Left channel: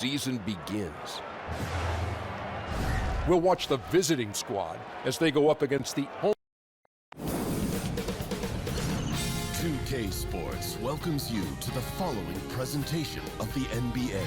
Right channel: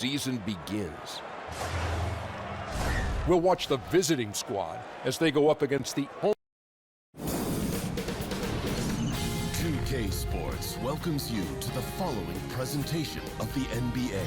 season begins. We'll watch the visiting squad as they go up against the home. 2K Sports welcomes you to the following presentation of the NBA.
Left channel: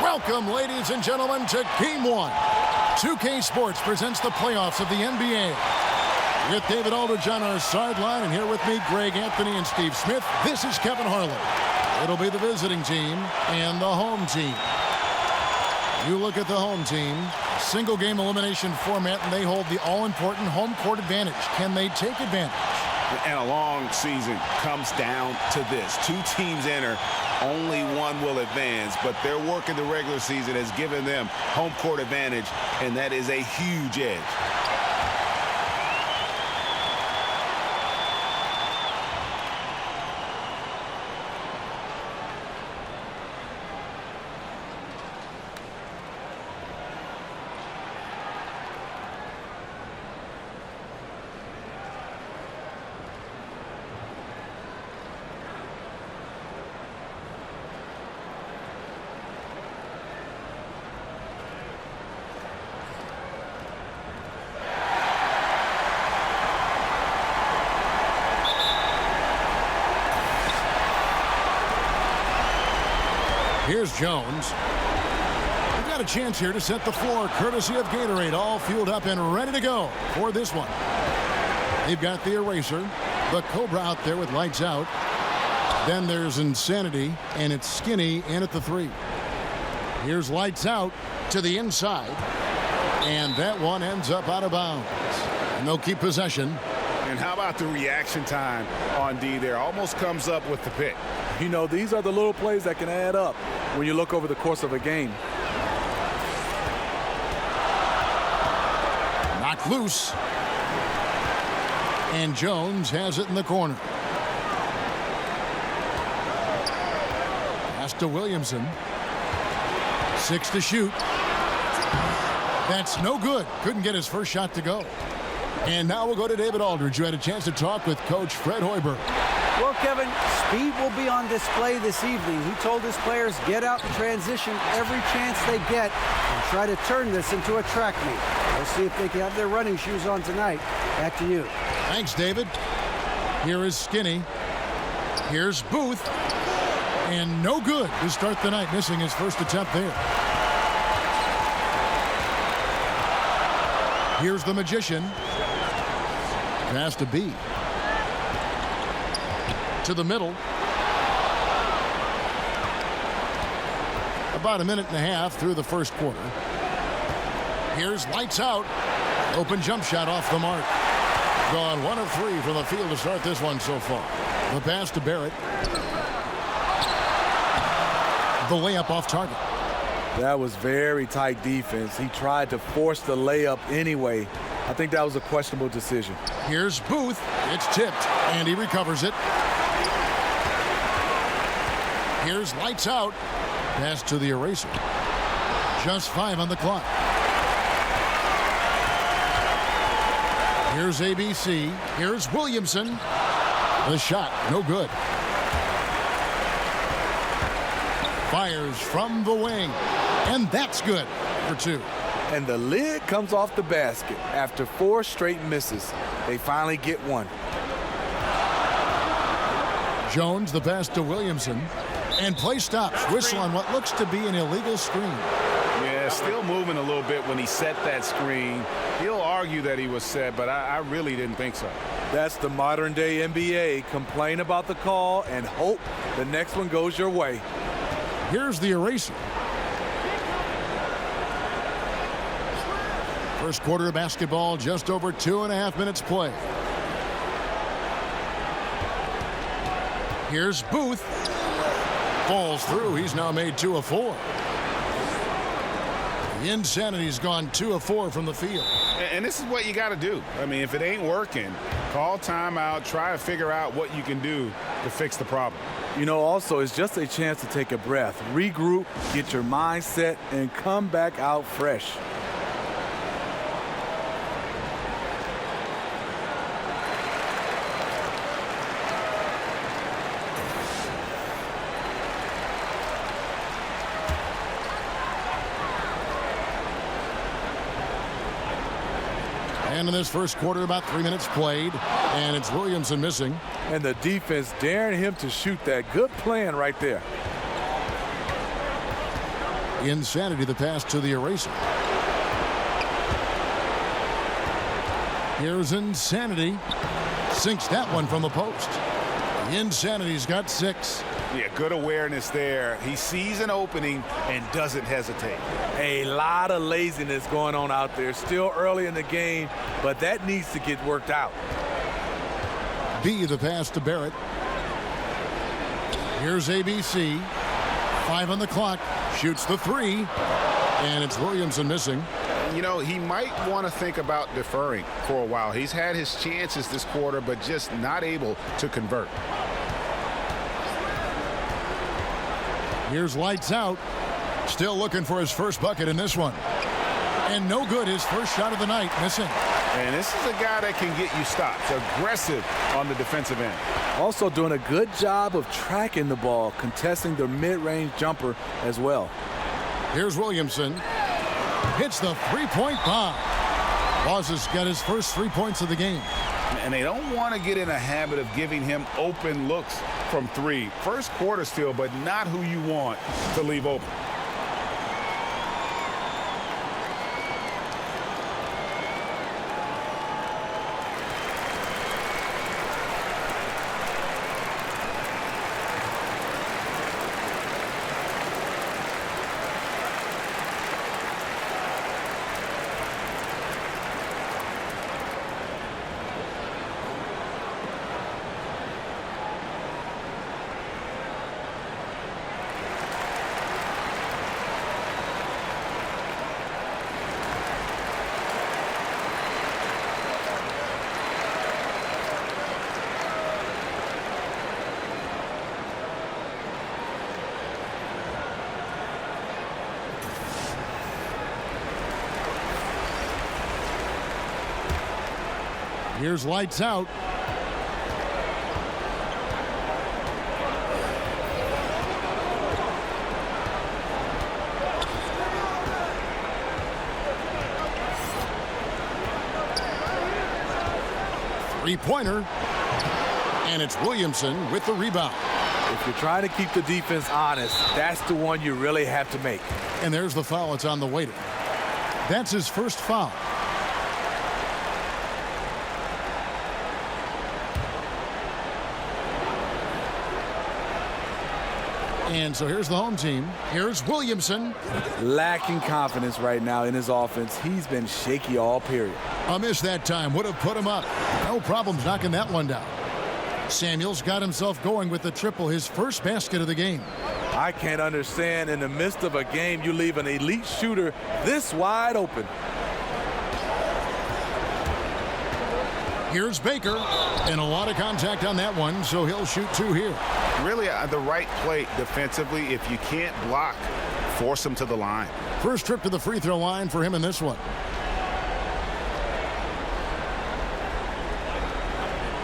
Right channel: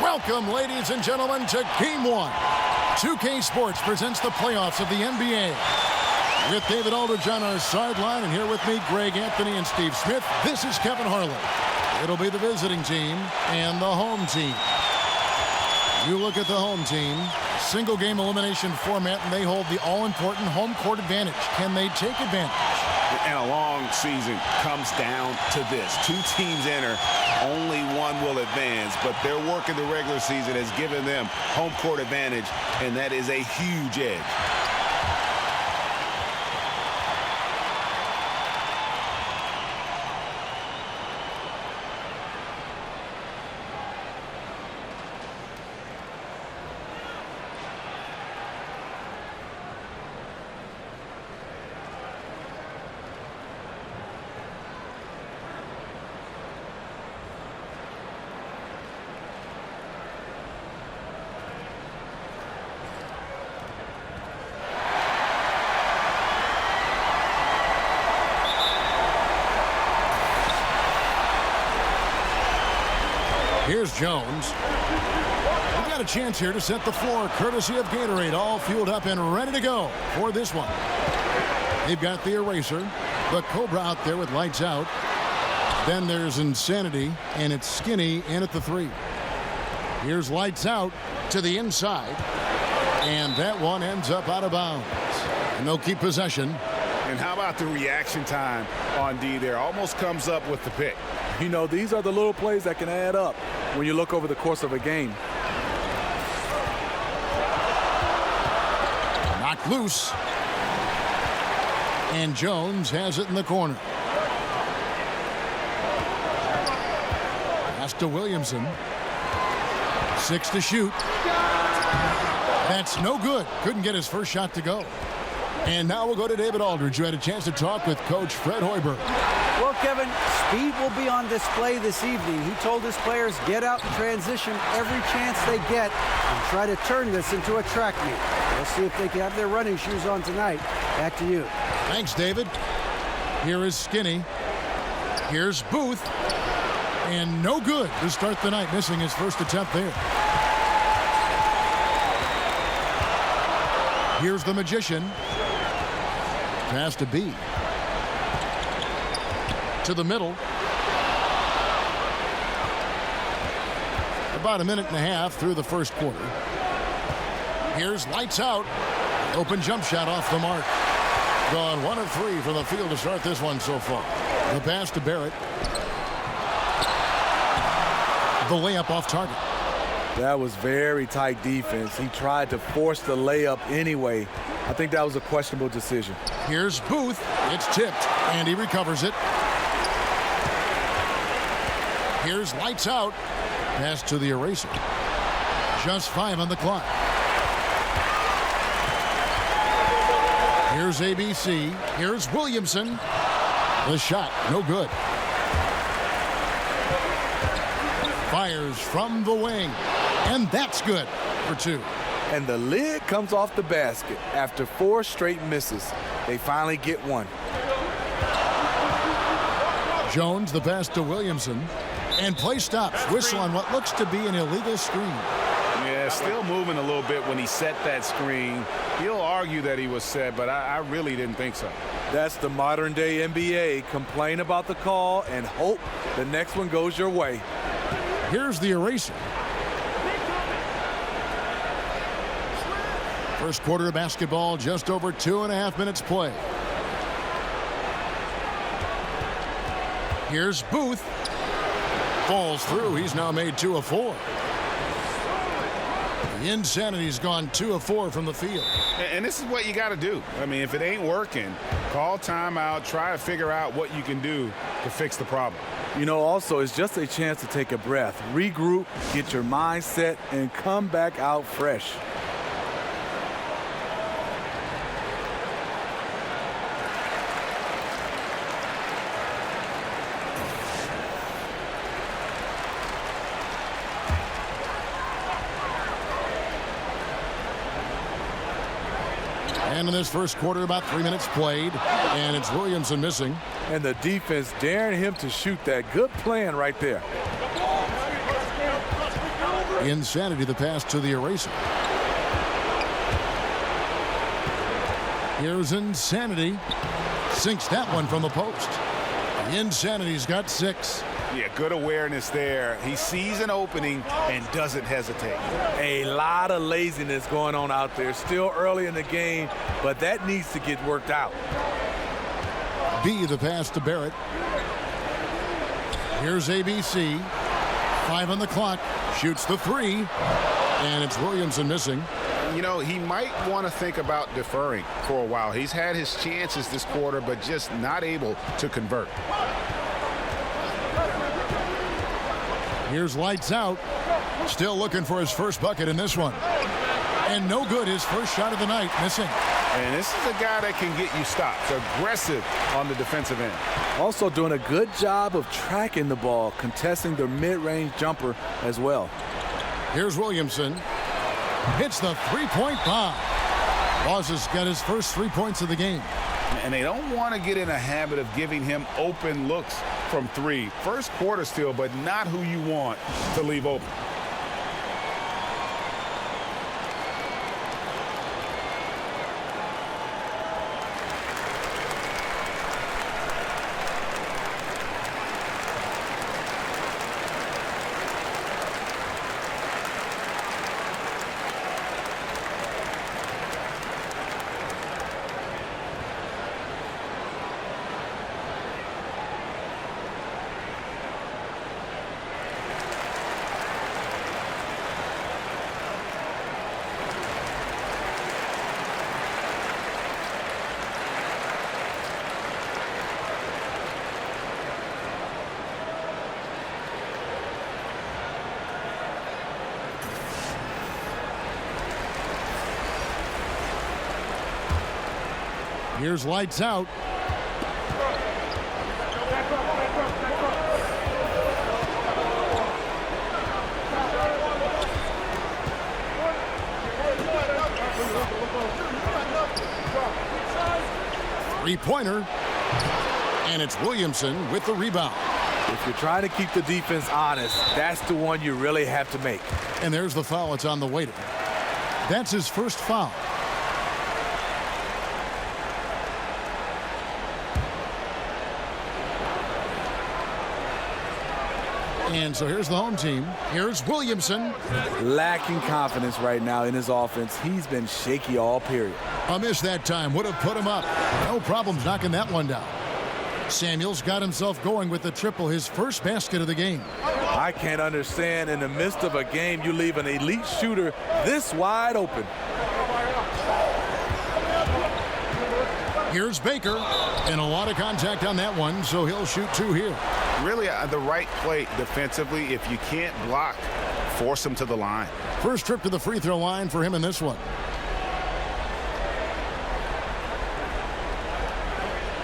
Welcome, ladies and gentlemen, to Game 1. 2K Sports presents the playoffs of the NBA. With David Aldridge on our sideline, and here with me, Greg Anthony and Steve Smith, this is Kevin Harlan. It'll be the visiting team and the home team. You look at the home team, single-game elimination format, and they hold the all-important home court advantage. Can they take advantage? And a long season comes down to this. Two teams enter, only one will advance, but their work in the regular season has given them home court advantage, and that is a huge edge. Here's Jones. We've got a chance here to set the floor, courtesy of Gatorade, all fueled up and ready to go for this one. They've got the eraser, the Cobra out there with lights out. Then there's Insanity, and it's Skinny in at the 3. Here's lights out to the inside, and that one ends up out of bounds. And they'll keep possession. And how about the reaction time on D there? Almost comes up with the pick. You know, these are the little plays that can add up when you look over the course of a game. Knocked loose. And Jones has it in the corner. Pass to Williamson. 6 to shoot. That's no good. Couldn't get his first shot to go. And now we'll go to David Aldridge, who had a chance to talk with Coach Fred Hoiberg. Well, Kevin, speed will be on display this evening. He told his players, get out in transition every chance they get and try to turn this into a track meet. We'll see if they can have their running shoes on tonight. Back to you. Thanks, David. Here is Skinny. Here's Booth. And no good to start the night, missing his first attempt there. Here's the Magician. Pass to B. To the middle. About a minute and a half through the first quarter. Here's lights out. Open jump shot off the mark. Gone 1 of 3 from the field to start this one so far. The pass to Barrett. The layup off target. That was very tight defense. He tried to force the layup anyway. I think that was a questionable decision. Here's Booth. It's tipped, and he recovers it. Here's lights out. Pass to the eraser. Just 5 on the clock. Here's ABC. Here's Williamson. The shot, no good. Fires from the wing. And that's good for 2. And the lid comes off the basket. After 4 straight misses, they finally get one. Jones, the pass to Williamson. And play stops. Whistle on what looks to be an illegal screen. Yeah, still moving a little bit when he set that screen. He'll argue that he was set, but I really didn't think so. That's the modern day NBA. Complain about the call and hope the next one goes your way. Here's the eraser. First quarter of basketball, just over 2.5 minutes play. Here's Booth. Falls through. He's now made 2 of 4. The Insanity's gone 2 of 4 from the field. And this is what you got to do. I mean, if it ain't working, call timeout, try to figure out what you can do to fix the problem. You know, also, it's just a chance to take a breath, regroup, get your mind set, and come back out fresh. And in this first quarter, about 3 minutes played, and it's Williamson missing. And the defense daring him to shoot that. Good plan right there. Insanity, the pass to the eraser. Here's Insanity. Sinks that one from the post. The Insanity's got 6. Yeah, good awareness there. He sees an opening and doesn't hesitate. A lot of laziness going on out there. Still early in the game, but that needs to get worked out. B, the pass to Barrett. Here's ABC. 5 on the clock. Shoots the 3. And it's Williamson missing. You know, he might want to think about deferring for a while. He's had his chances this quarter, but just not able to convert. Here's lights out. Still looking for his first bucket in this one. And no good, his first shot of the night, missing. And this is a guy that can get you stops. Aggressive on the defensive end. Also doing a good job of tracking the ball, contesting the mid-range jumper as well. Here's Williamson. Hits the three-point bomb. Boss has got his first 3 points of the game. And they don't want to get in a habit of giving him open looks from 3. First quarter still, but not who you want to leave open. Here's lights out. Three-pointer. And it's Williamson with the rebound. If you're trying to keep the defense honest, that's the one you really have to make. And there's the foul. It's on the waiter. That's his first foul. And so here's the home team. Here's Williamson. Lacking confidence right now in his offense. He's been shaky all period. A miss that time would have put him up. No problems knocking that one down. Samuels got himself going with the triple, his first basket of the game. I can't understand in the midst of a game you leave an elite shooter this wide open. Here's Baker, and a lot of contact on that one, so he'll shoot 2 here. Really the right play defensively. If you can't block, force him to the line. First trip to the free throw line for him in this one.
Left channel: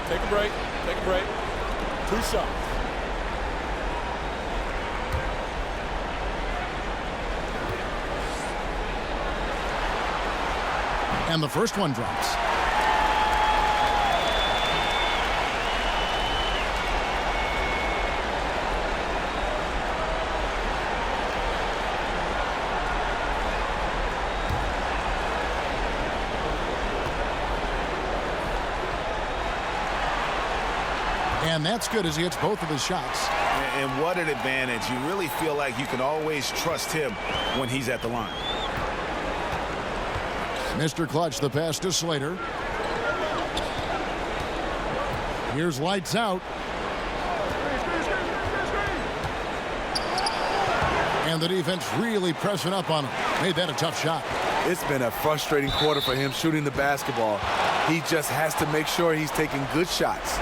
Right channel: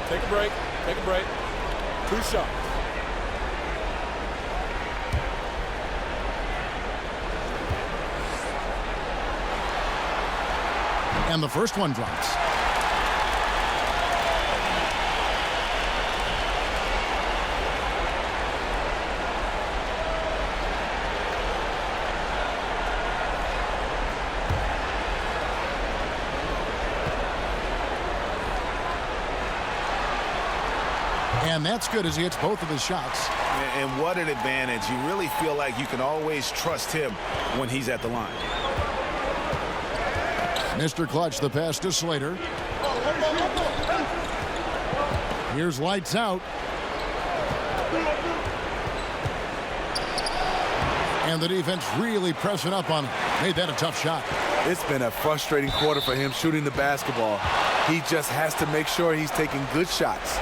Take a break. Take a break. 2 shots. And the first one drops. And that's good as he hits both of his shots. And what an advantage. You really feel like you can always trust him when he's at the line. Mr. Clutch, the pass to Slater. Here's lights out. And the defense really pressing up on him. Made that a tough shot. It's been a frustrating quarter for him shooting the basketball. He just has to make sure he's taking good shots.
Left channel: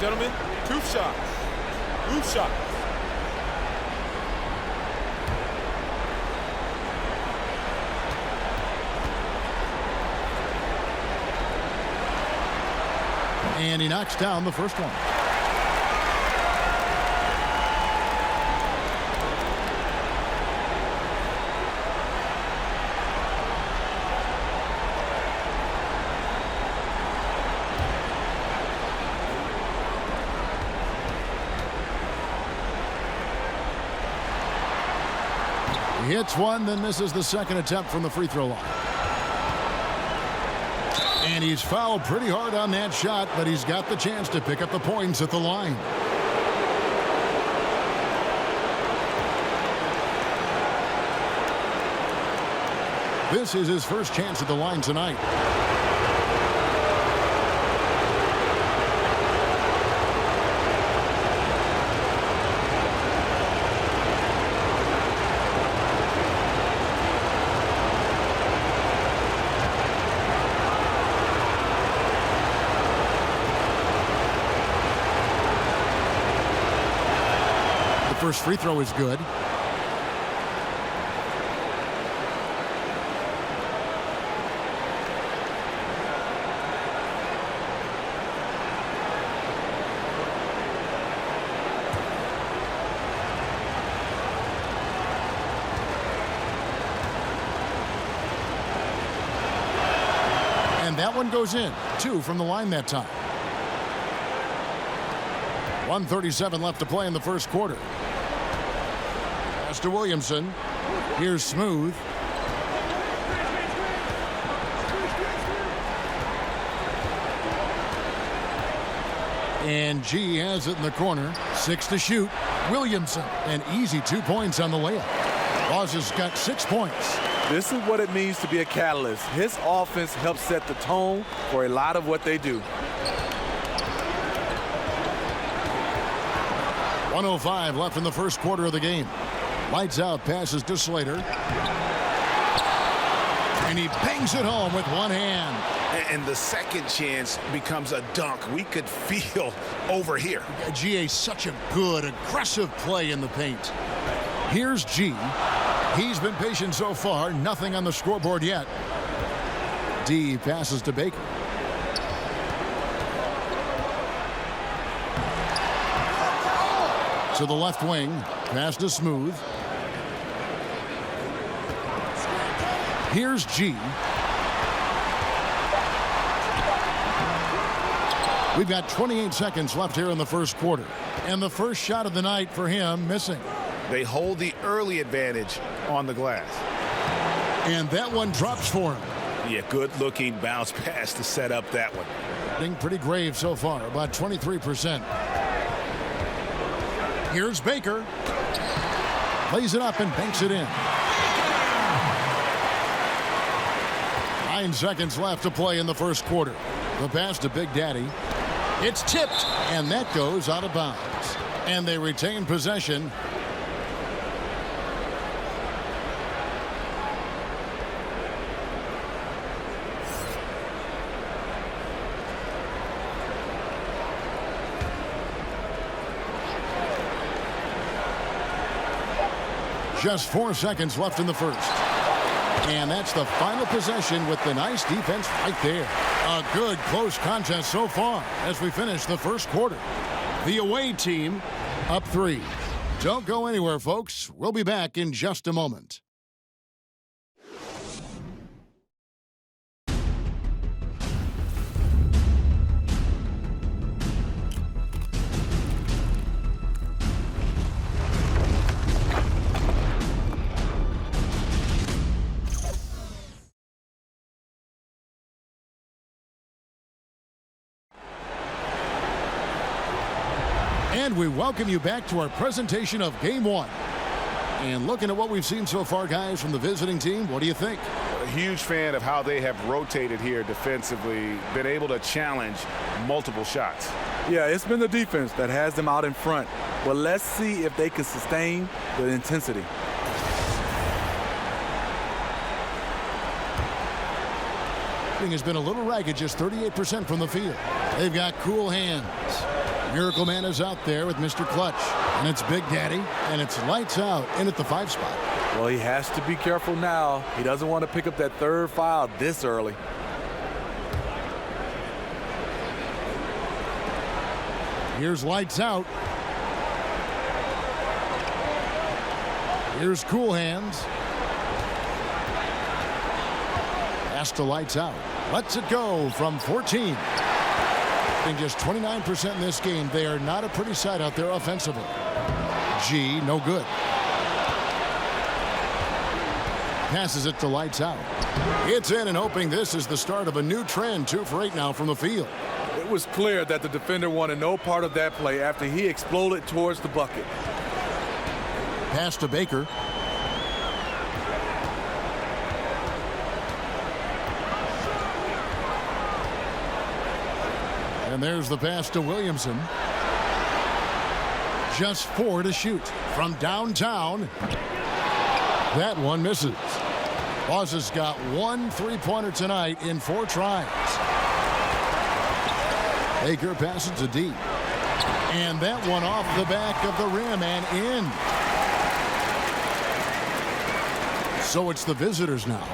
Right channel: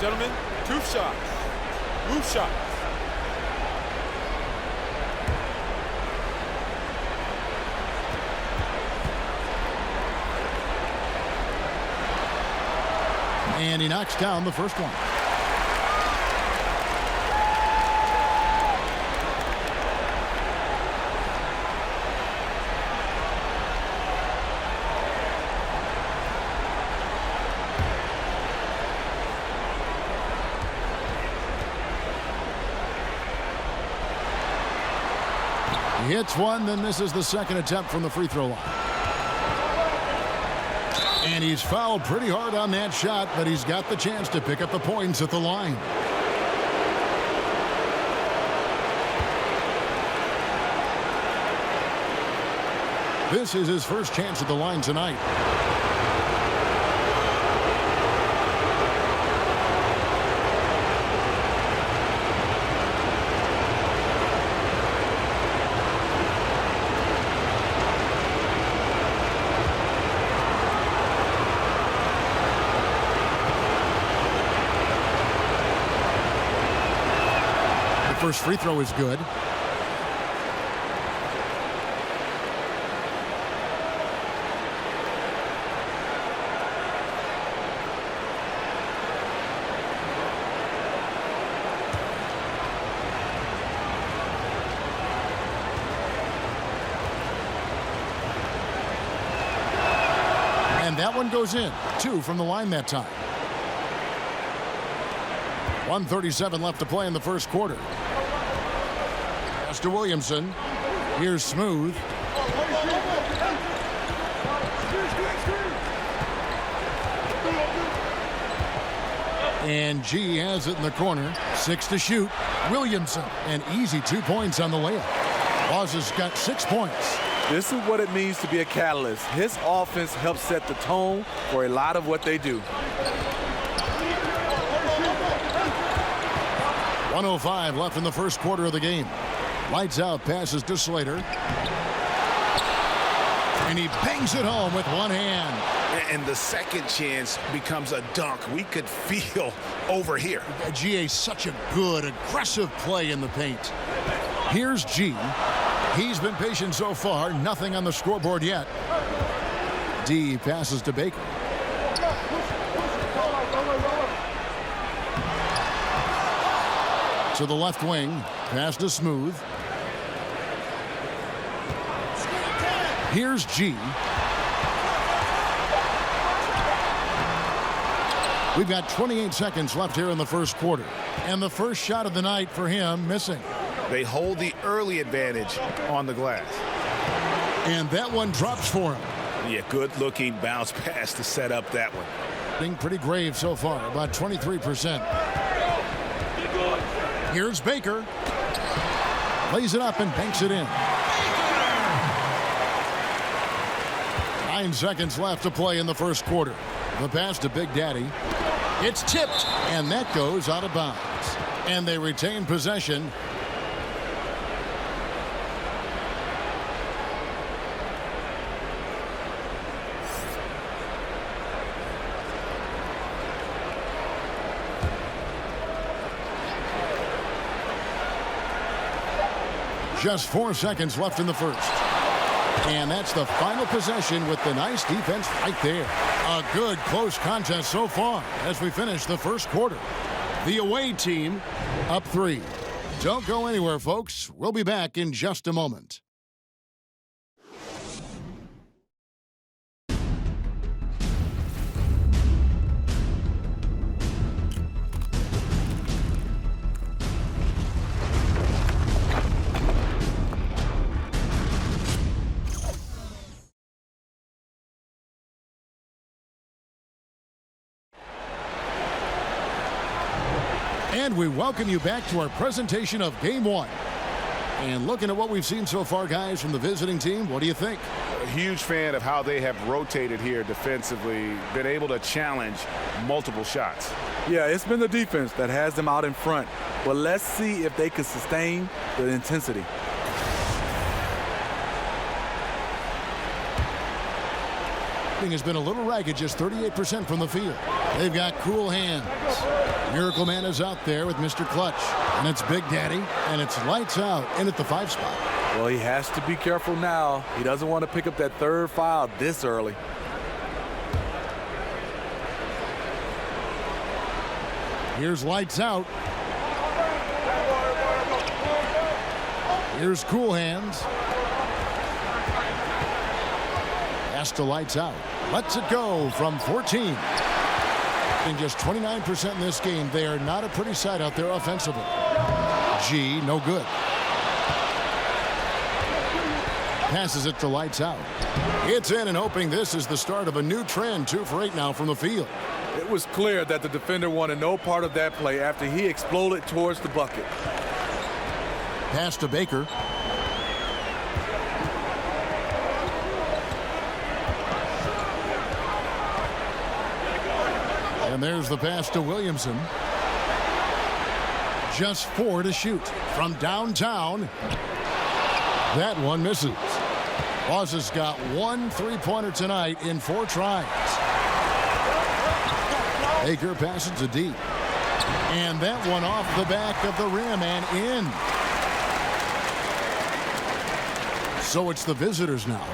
Gentlemen, two shots. Two shots. And he knocks down the first one. He hits one, then misses the second attempt from the free throw line. And he's fouled pretty hard on that shot, but he's got the chance to pick up the points at the line. This is his first chance at the line tonight. First free throw is good. And that one goes in. 2 from the line that time. 1:37 left to play in the first quarter. Pass to Williamson. Here's Smooth. And G has it in the corner. 6 to shoot. Williamson, an easy 2 points on the layup. Boss has got 6 points. This is what it means to be a catalyst. His offense helps set the tone for a lot of what they do. 1:05 left in the first quarter of the game. Lights out, passes to Slater. And he bangs it home with one hand. And the second chance becomes a dunk. We could feel over here. GA, such a good, aggressive play in the paint. Here's G. He's been patient so far. Nothing on the scoreboard yet. D passes to Baker. To the left wing. Pass to Smooth. Here's G. We've got 28 seconds left here in the first quarter. And the first shot of the night for him missing. They hold the early advantage on the glass. And that one drops for him. Yeah, good-looking bounce pass to set up that one. Being pretty grave so far, about 23%. Here's Baker. Lays it up and banks it in. 9 seconds left to play in the first quarter. The pass to Big Daddy. It's tipped, and that goes out of bounds. And they retain possession. Just 4 seconds left in the first. And that's the final possession with the nice defense right there. A good close contest so far as we finish the first quarter. The away team up 3. Don't go anywhere, folks. We'll be back in just a moment. And we welcome you back to our presentation of Game 1. And looking at what we've seen so far, guys, from the visiting team, what do you think? A huge fan of how they have rotated here defensively, been able to challenge multiple shots. Yeah, it's been the defense that has them out in front. But let's see if they can sustain the intensity. Has been a little ragged, just 38% from the field. They've got cool hands. Miracle Man is out there with Mr. Clutch. And it's Big Daddy, and it's lights out in at the 5 spot. Well, he has to be careful now. He doesn't want to pick up that third foul this early. Here's lights out. Here's cool hands. Pass to lights out. Lets it go from 14. Just 29% in this game. They are not a pretty sight out there offensively. G, no good. Passes it to lights out. It's in and hoping this is the start of a new trend. 2 for 8 now from the field. It was clear that the defender wanted no part of that play after he exploded towards the bucket. Pass to Baker. And there's the pass to Williamson. Just 4 to shoot from downtown. That one misses. Boss has got 1 3-pointer tonight in 4 tries. Baker passes to deep. And that one off the back of the rim and in. So it's the visitors now.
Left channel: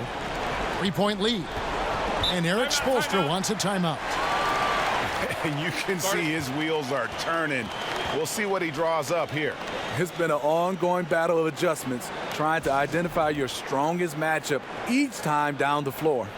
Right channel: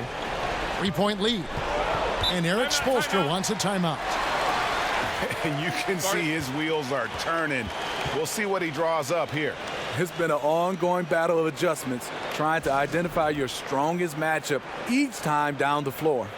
3-point lead. And Eric Spoelstra wants a timeout. And you can see his wheels are turning. We'll see what he draws up here. It's been an ongoing battle of adjustments, trying to identify your strongest matchup each time down the floor.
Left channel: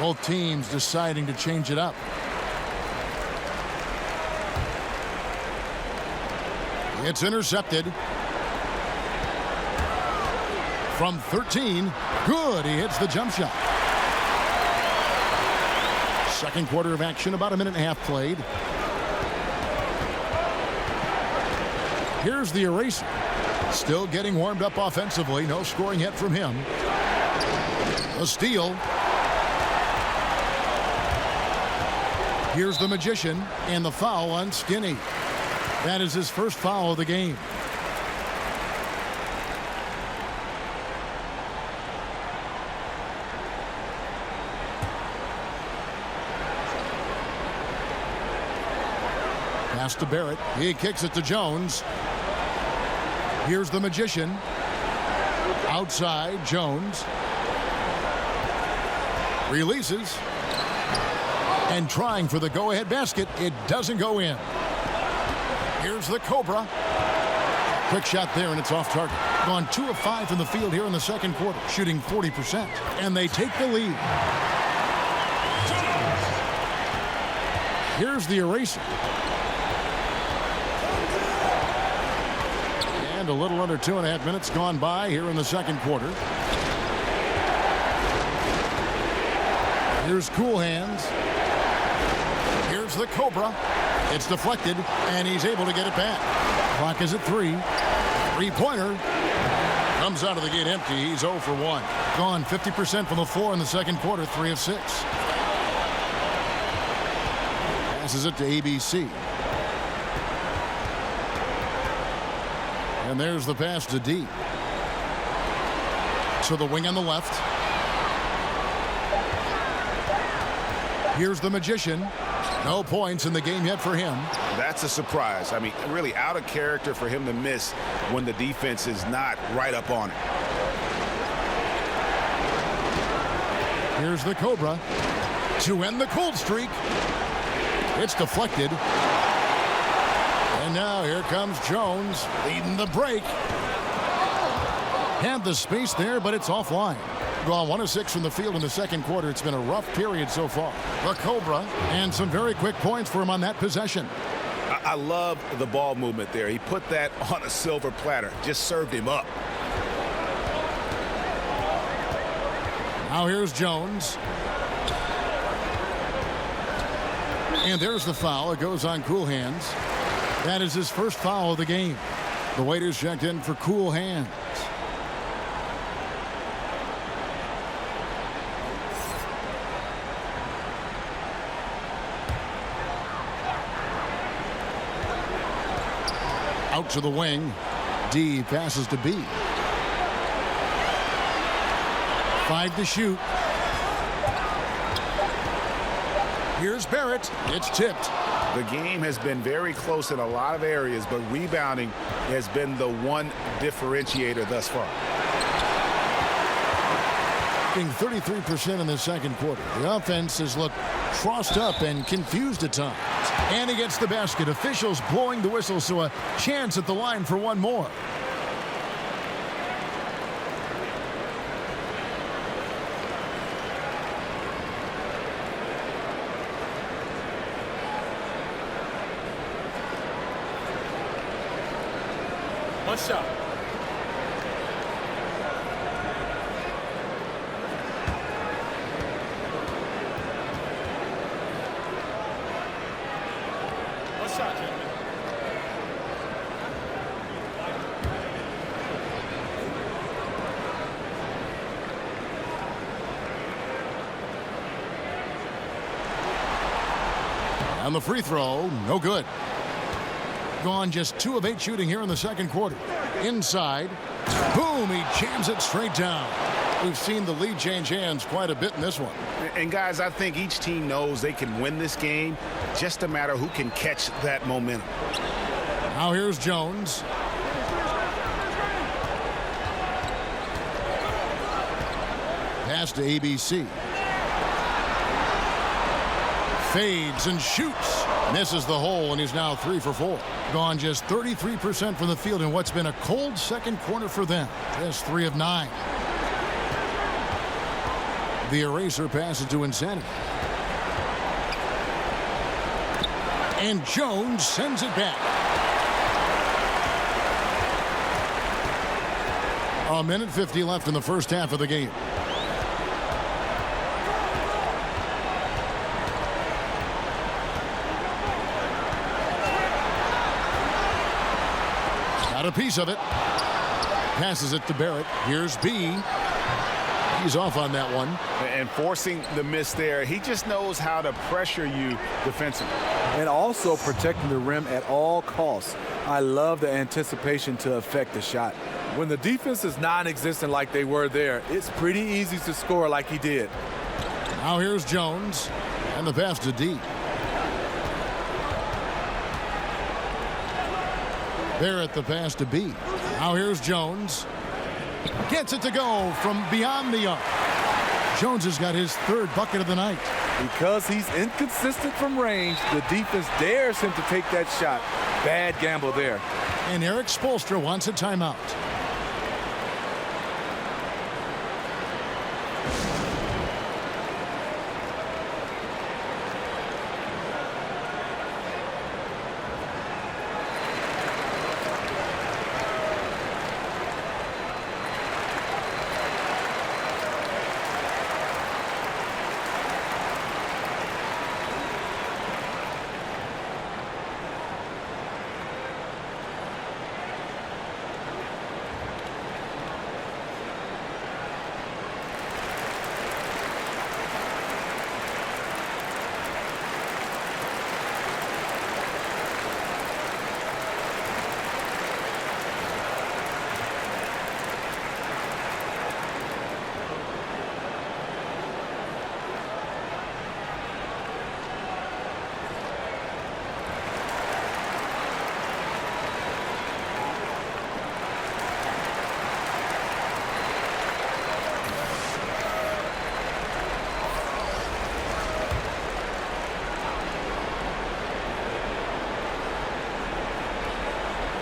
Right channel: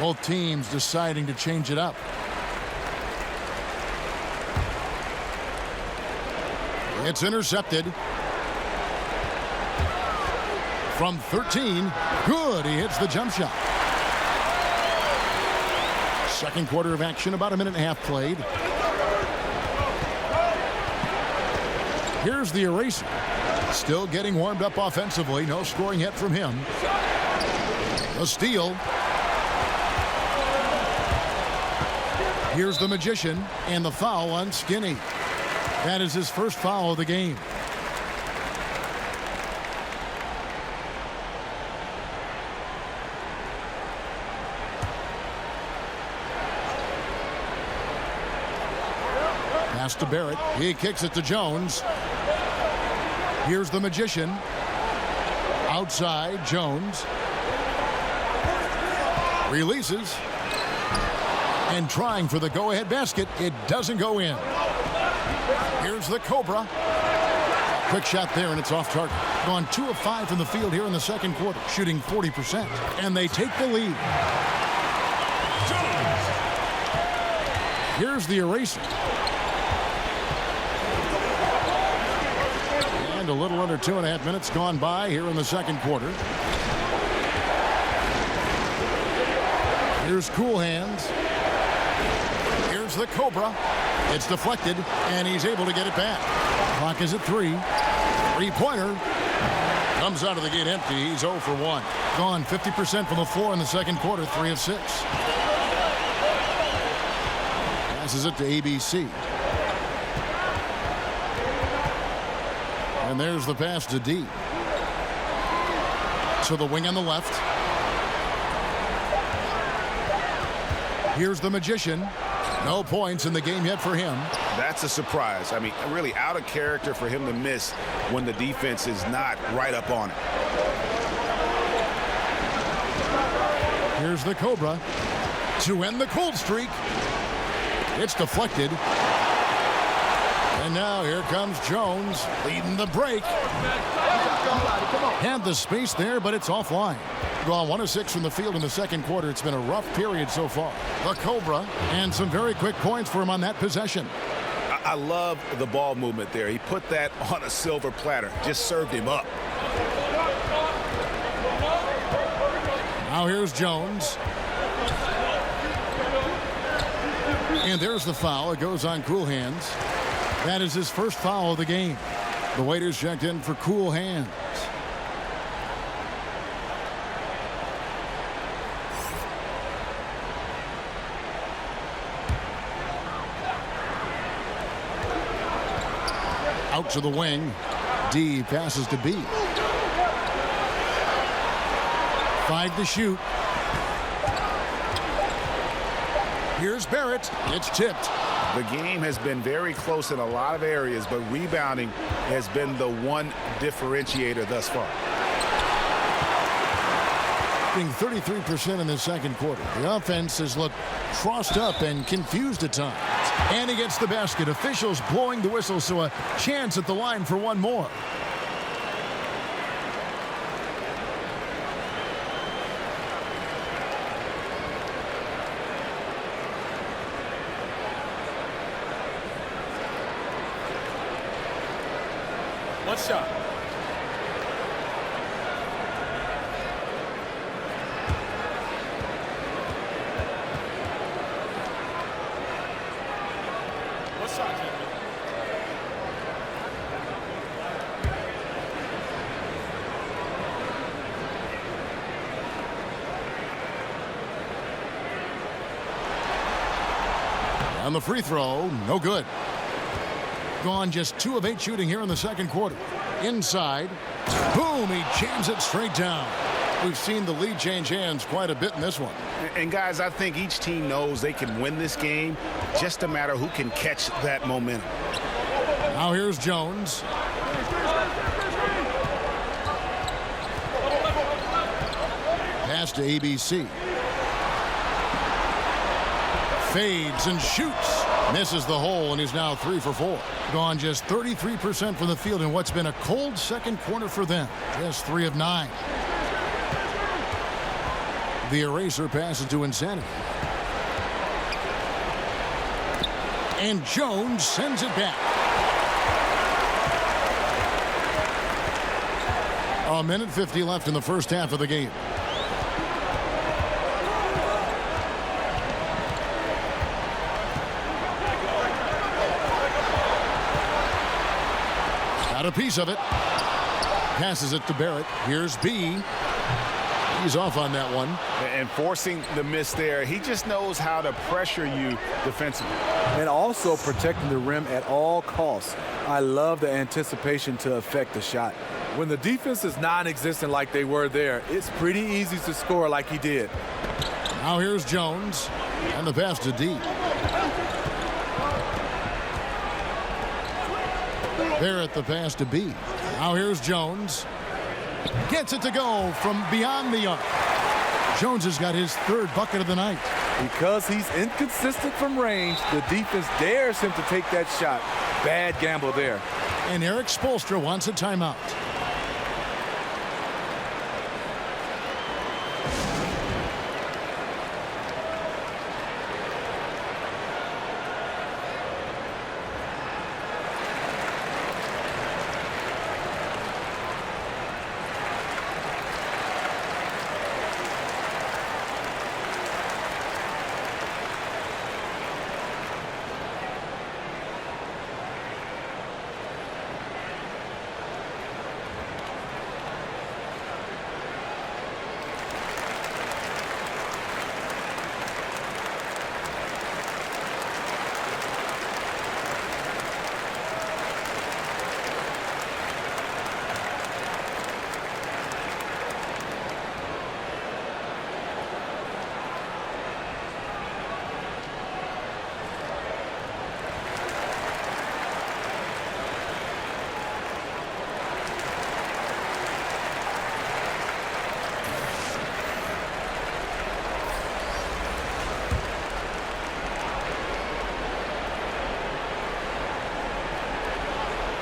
Both teams deciding to change it up. It's intercepted. From 13. Good. He hits the jump shot. Second quarter of action, about 1.5 minutes played. Here's the eraser. Still getting warmed up offensively. No scoring yet from him. A steal. Here's the Magician, and the foul on Skinny. That is his first foul of the game. Pass to Barrett. He kicks it to Jones. Here's the Magician. Outside, Jones. Releases. And trying for the go-ahead basket. It doesn't go in. Here's the Cobra. Quick shot there, and it's off target. Gone 2 of 5 from the field here in the second quarter, shooting 40%. And they take the lead. Here's the eraser. And a little under 2.5 minutes gone by here in the second quarter. Here's Cool Hands. Here's the Cobra. It's deflected, and he's able to get it back. Clock is at 3. 3-pointer. Comes out of the gate empty. He's 0 for 1. Gone 50% from the floor in the second quarter, 3 of 6. Passes it to ABC. And there's the pass to D. To the wing on the left. Here's the Magician. No points in the game yet for him. That's a surprise. I mean, really out of character for him to miss when the defense is not right up on it. Here's the Cobra to end the cold streak. It's deflected. And now here comes Jones leading the break. Had the space there, but it's offline. Gone 1 of 6 from the field in the second quarter. It's been a rough period so far. The Cobra, and some very quick points for him on that possession. I love the ball movement there. He put that on a silver platter. Just served him up. Now here's Jones. And there's the foul. It goes on Cool Hands. That is his first foul of the game. The waiters checked in for Cool Hands. Out to the wing. D passes to B. 5 to shoot. Here's Barrett. It's tipped. The game has been very close in a lot of areas, but rebounding has been the one differentiator thus far. Being 33% in the second quarter. The offense has looked crossed up and confused at times. And he gets the basket. Officials blowing the whistle, so a chance at the line for one more. One shot. One shot, gentlemen. And the free throw, no good. Gone just 2 of 8 shooting here in the second quarter. Inside. Boom, he jams it straight down. We've seen the lead change hands quite a bit in this one. And guys, I think each team knows they can win this game. Just a matter who can catch that momentum. Now here's Jones. Pass to ABC. Fades and shoots. Misses the hole, and he's now 3 for 4. Gone just 33% from the field in what's been a cold second quarter for them. Just 3 of 9. The eraser passes to Insanity. And Jones sends it back. A minute 50 left in the first half of the game. Got a piece of it. Passes it to Barrett. Here's B. He's off on that one. And forcing the miss there, he just knows how to pressure you defensively. And also protecting the rim at all costs. I love the anticipation to affect the shot. When the defense is non-existent like they were there, it's pretty easy to score like he did. Now here's Jones. And the pass to D. Barrett the pass to B. Now here's Jones. Gets it to go from beyond the arc. Jones has got his 3rd bucket of the night. Because he's inconsistent from range, the defense dares him to take that shot. Bad gamble there. And Eric Spoelstra wants a timeout.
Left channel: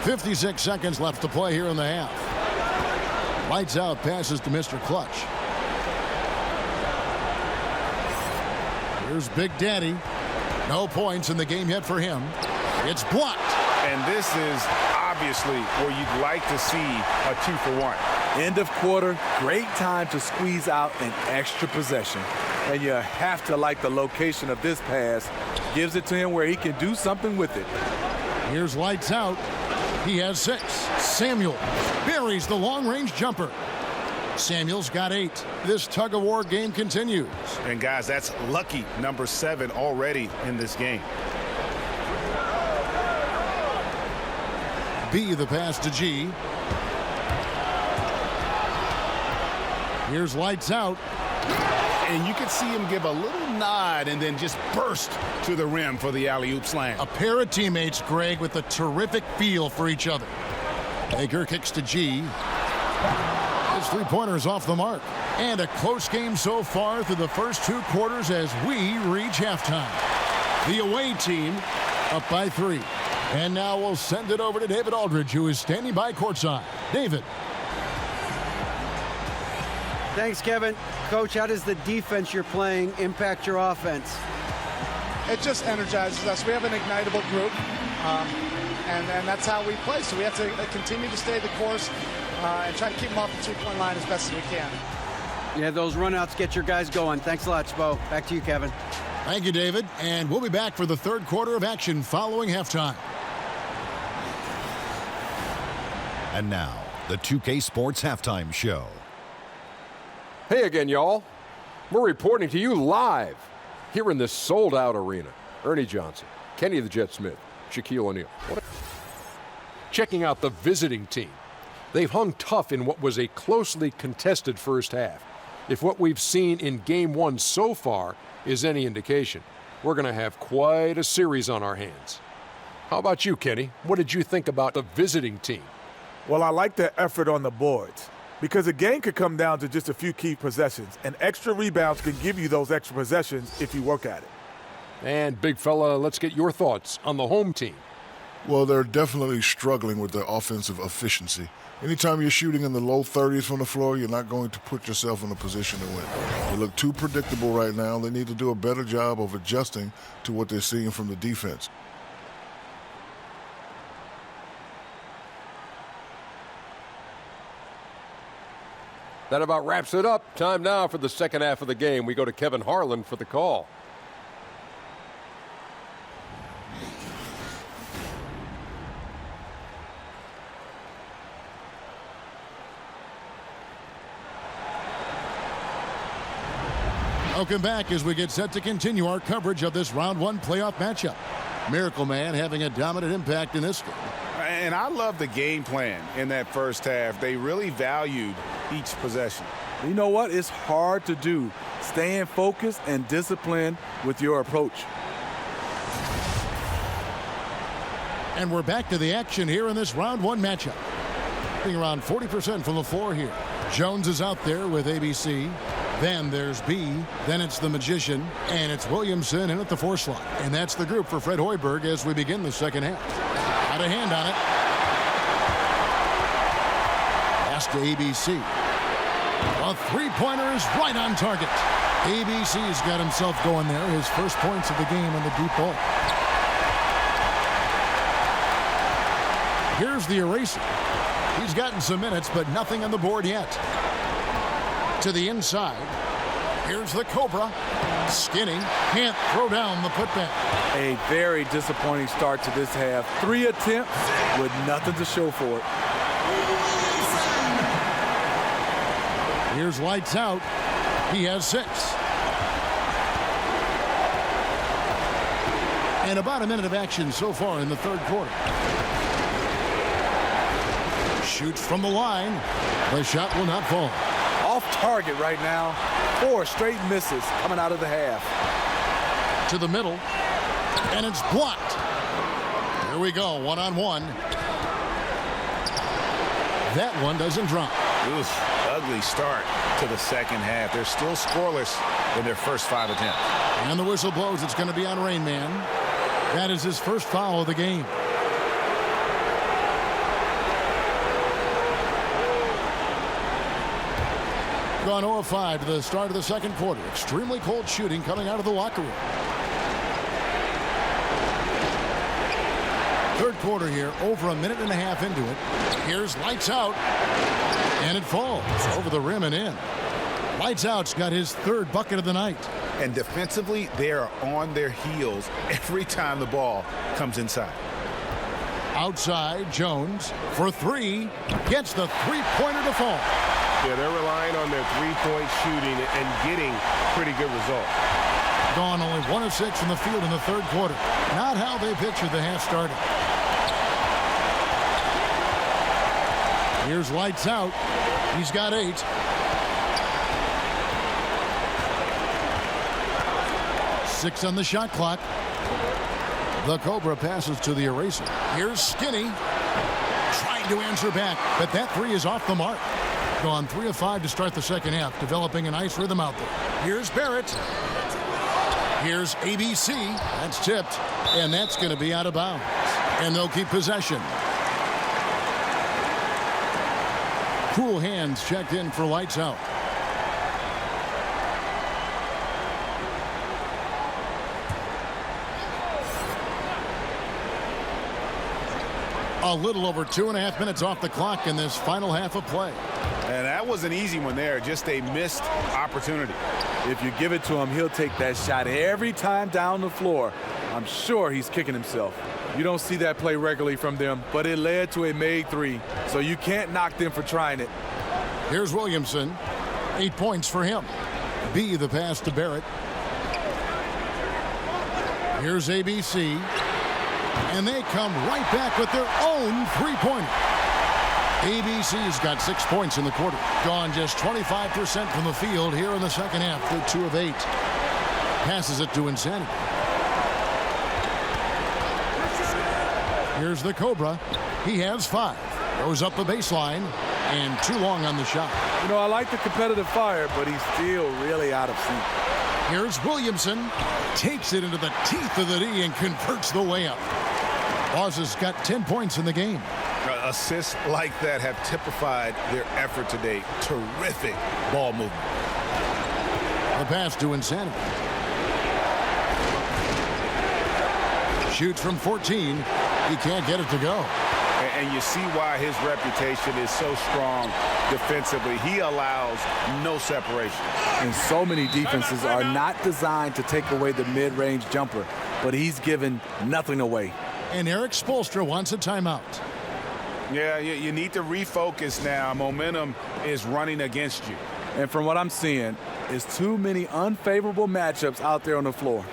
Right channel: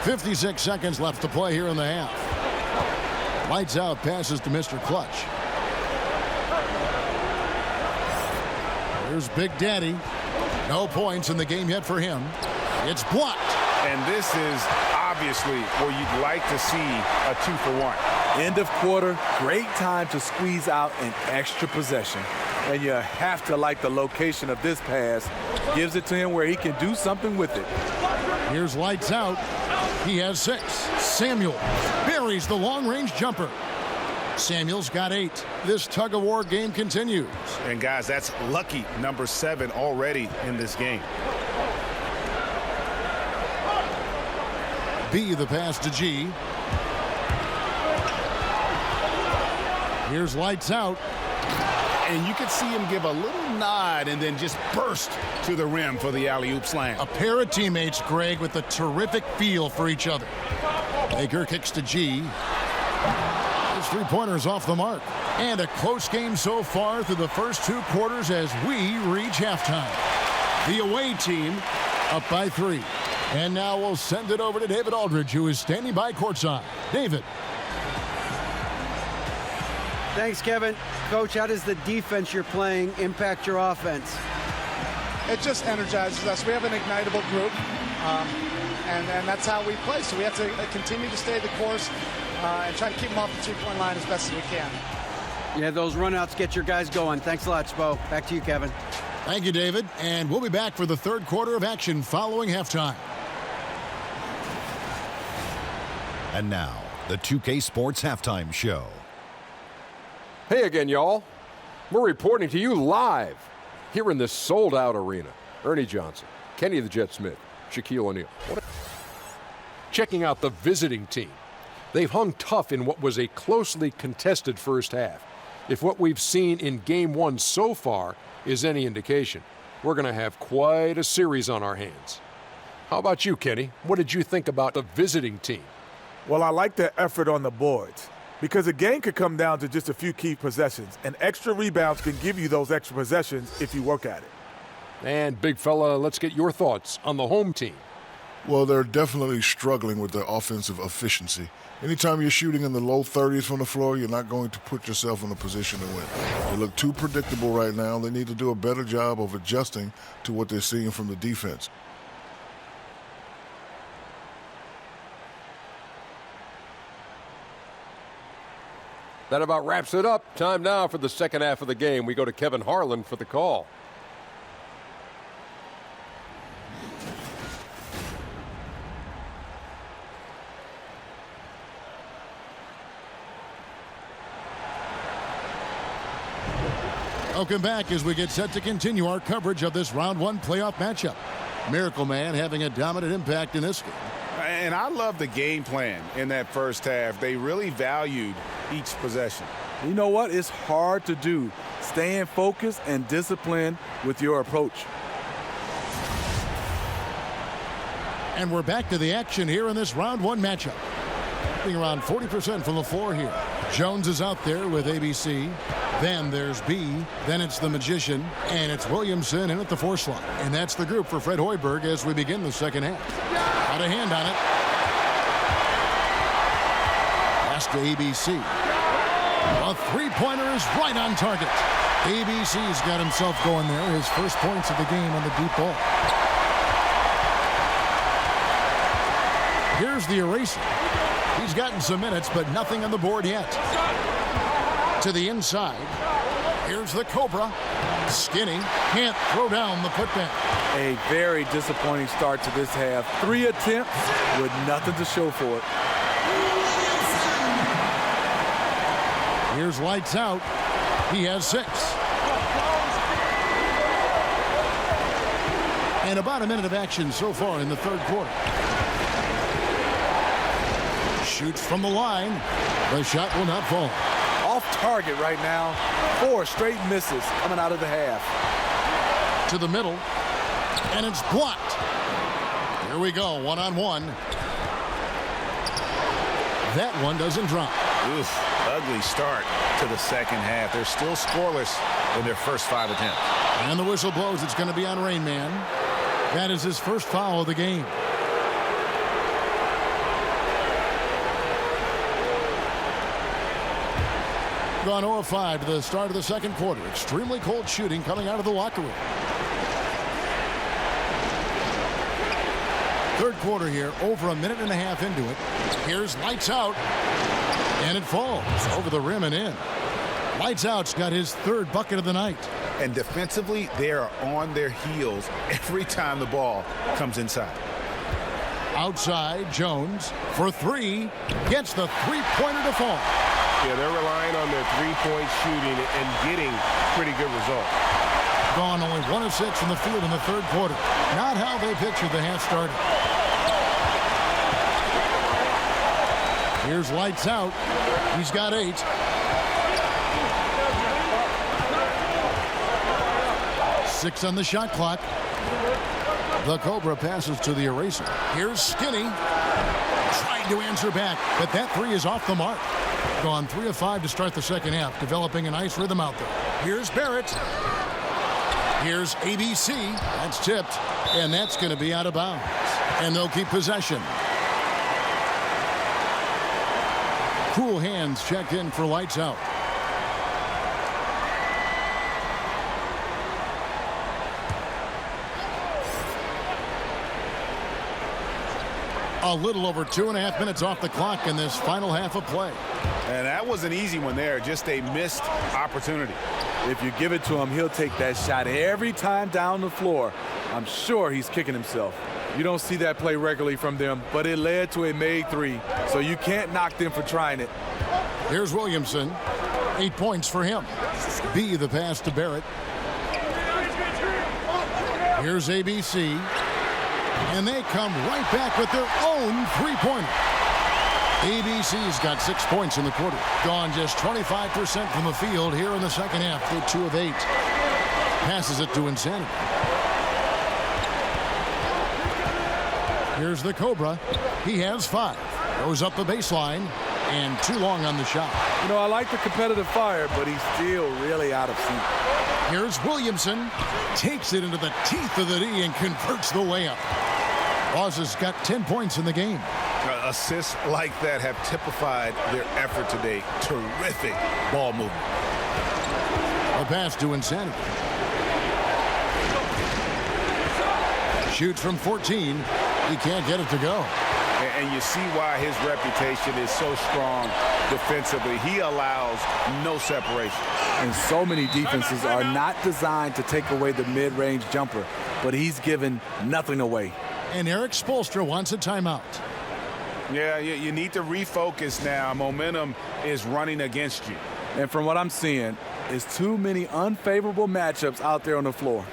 56 seconds left to play here in the half. Lights out passes to Mr. Clutch. Here's Big Daddy. No points in the game yet for him. It's blocked. And this is obviously where you'd like to see a 2-for-1. End of quarter, great time to squeeze out an extra possession. And you have to like the location of this pass. Gives it to him where he can do something with it. Here's lights out. He has 6. Samuel buries the long-range jumper. Samuel's got 8. This tug-of-war game continues. And guys, that's lucky number 7 already in this game. B, the pass to G. Here's lights out. And you can see him give a little nod and then just burst to the rim for the alley-oop slam. A pair of teammates, Greg, with a terrific feel for each other. Baker kicks to G. His three-pointer's off the mark. And a close game so far through the first 2 quarters as we reach halftime. The away team up by 3. And now we'll send it over to David Aldridge, who is standing by courtside. David. Thanks, Kevin. Coach, how does the defense you're playing impact your offense? It just energizes us. We have an ignitable group, and that's how we play. So we have to continue to stay the course and try to keep them off the three-point line as best as we can. Yeah, those runouts get your guys going. Thanks a lot, Spo. Back to you, Kevin. Thank you, David. And we'll be back for the third quarter of action following halftime. And now, the 2K Sports Halftime Show. Hey again, y'all. We're reporting to you live here in this sold-out arena. Ernie Johnson, Kenny the Jet Smith, Shaquille O'Neal. Checking out the visiting team. They've hung tough in what was a closely contested first half. If what we've seen in Game 1 so far is any indication, we're going to have quite a series on our hands. How about you, Kenny? What did you think about the visiting team? Well, I like their effort on the boards because a game could come down to just a few key possessions, and extra rebounds can give you those extra possessions if you work at it. And, big fella, let's get your thoughts on the home team. Well, they're definitely struggling with their offensive efficiency. Anytime you're shooting in the low 30s from the floor, you're not going to put yourself in a position to win. They look too predictable right now. They need to do a better job of adjusting to what they're seeing from the defense. That about wraps it up. Time now for the second half of the game. We go to Kevin Harlan for the call. Welcome back as we get set to continue our coverage of this round 1 playoff matchup. Miracle Man having a dominant impact in this game. And I love the game plan in that first half. They really valued each possession. You know what? It's hard to do. Staying focused and disciplined with your approach. And we're back to the action here in this round 1 matchup. Being around 40% from the floor here. Jones is out there with ABC. Then there's B. Then it's the Magician. And it's Williamson in at the 4 slot. And that's the group for Fred Hoiberg as we begin the second half. Got a hand on it. Pass to ABC. A three-pointer is right on target. ABC's got himself going there. His first points of the game on the deep ball. Here's the eraser. He's gotten some minutes, but nothing on the board yet. To the inside. Here's the Cobra. Skinny can't throw down the putback. A very disappointing start to this half. 3 attempts with nothing to show for it. Here's lights out. He has 6. And about a minute of action so far in the third quarter. Shoots from the line. The shot will not fall. Off target right now. 4 straight misses coming out of the half. To the middle. And it's blocked. Here we go, one-on-one. That one doesn't drop. Oof, ugly start to the second half. They're still scoreless in their first 5 attempts. And the whistle blows. It's going to be on Rain Man. That is his first foul of the game. Gone 0 of 5 to the start of the second quarter. Extremely cold shooting coming out of the locker room. Third quarter here, over a minute and a half into it. Here's Lights Out, and it falls over the rim and in. Lights Out's got his third bucket of the night. And defensively, they are on their heels every time the ball comes inside. Outside, Jones for three, gets the three-pointer to fall. Yeah, they're relying on their three-point shooting and getting pretty good results. Gone only 1 of 6 from the field in the third quarter. Not how they pictured the half started. Here's Lights Out. He's got 8. Six on the shot clock. The Cobra passes to the eraser. Here's Skinny. Trying to answer back, but that three is off the mark. Gone 3 of 5 to start the second half, developing a nice rhythm out there. Here's Barrett. Here's ABC. That's tipped, and that's going to be out of bounds. And they'll keep possession. Cool Hands checked in for Lights Out. A little over 2.5 minutes off the clock in this final half of play. And that was an easy one there, just a missed opportunity. If you give it to him, he'll take that shot every time down the floor. I'm sure he's kicking himself. You don't see that play regularly from them, but it led to a made three, so you can't knock them for trying it. Here's Williamson. 8 points for him. B, the pass to Barrett. Here's ABC. And they come right back with their own three-pointer. ABC's got 6 points in the quarter. Gone just 25% from the field here in the second half. They're 2 of 8. Passes it to Insanity. Here's the Cobra. He has 5. Goes up the baseline. And too long on the shot. You know, I like the competitive fire, but he's still really out of sync. Here's Williamson. Takes it into the teeth of the D and converts the layup. Oz has got 10 points in the game. Assists like that have typified their effort today. Terrific ball movement. The pass to Insanity. Shoots from 14. He can't get it to go. And you see why his reputation is so strong defensively. He allows no separation. And so many defenses are not designed to take away the mid-range jumper, but he's given nothing away. And Eric Spoelstra wants a timeout. Yeah, you need to refocus now. Momentum is running against you. And from what I'm seeing, it's too many unfavorable matchups out there on the floor.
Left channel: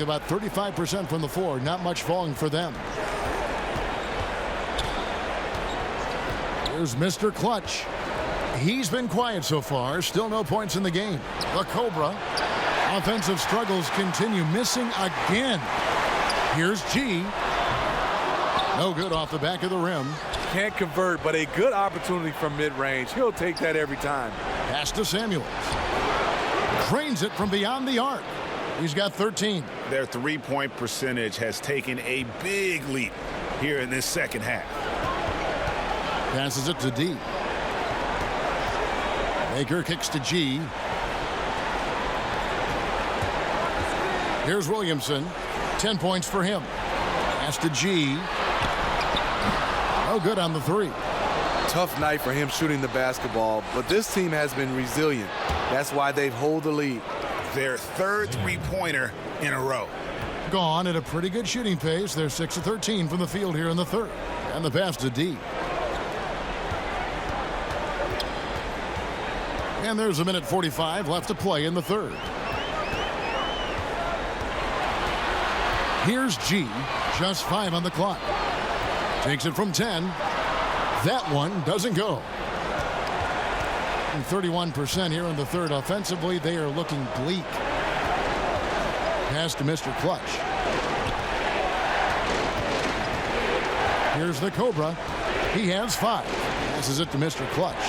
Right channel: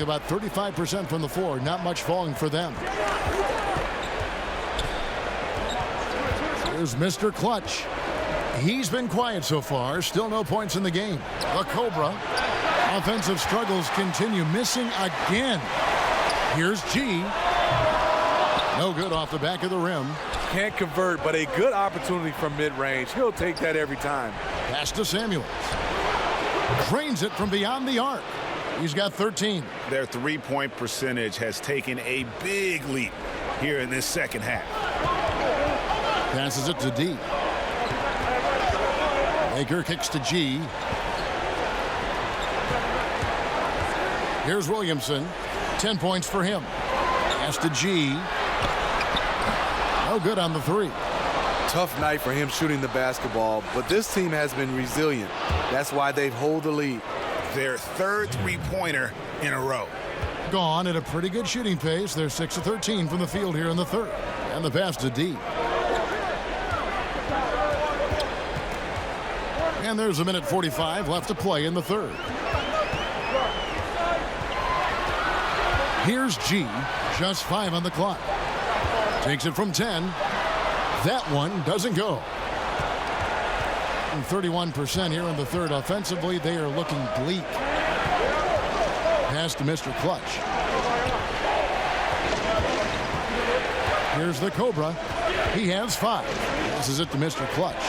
About 35% from the floor. Not much falling for them. Here's Mr. Clutch. He's been quiet so far. Still no points in the game. The Cobra. Offensive struggles continue. Missing again. Here's G. No good off the back of the rim. Can't convert, but a good opportunity from mid-range. He'll take that every time. Pass to Samuels. Drains it from beyond the arc. He's got 13. Their three-point percentage has taken a big leap here in this second half. Passes it to D. Baker kicks to G. Here's Williamson. 10 points for him. Pass to G. No good on the three. Tough night for him shooting the basketball, but this team has been resilient. That's why they've held the lead. Their third three-pointer in a row. Gone at a pretty good shooting pace. They're 6 of 13 from the field here in the third. And the pass to D. And there's a minute 45 left to play in the third. Here's G. Just 5 on the clock. Takes it from 10. That one doesn't go. 31% here in the third. Offensively, they are looking bleak. Pass to Mr. Clutch. Here's the Cobra. He has 5. Passes it to Mr. Clutch.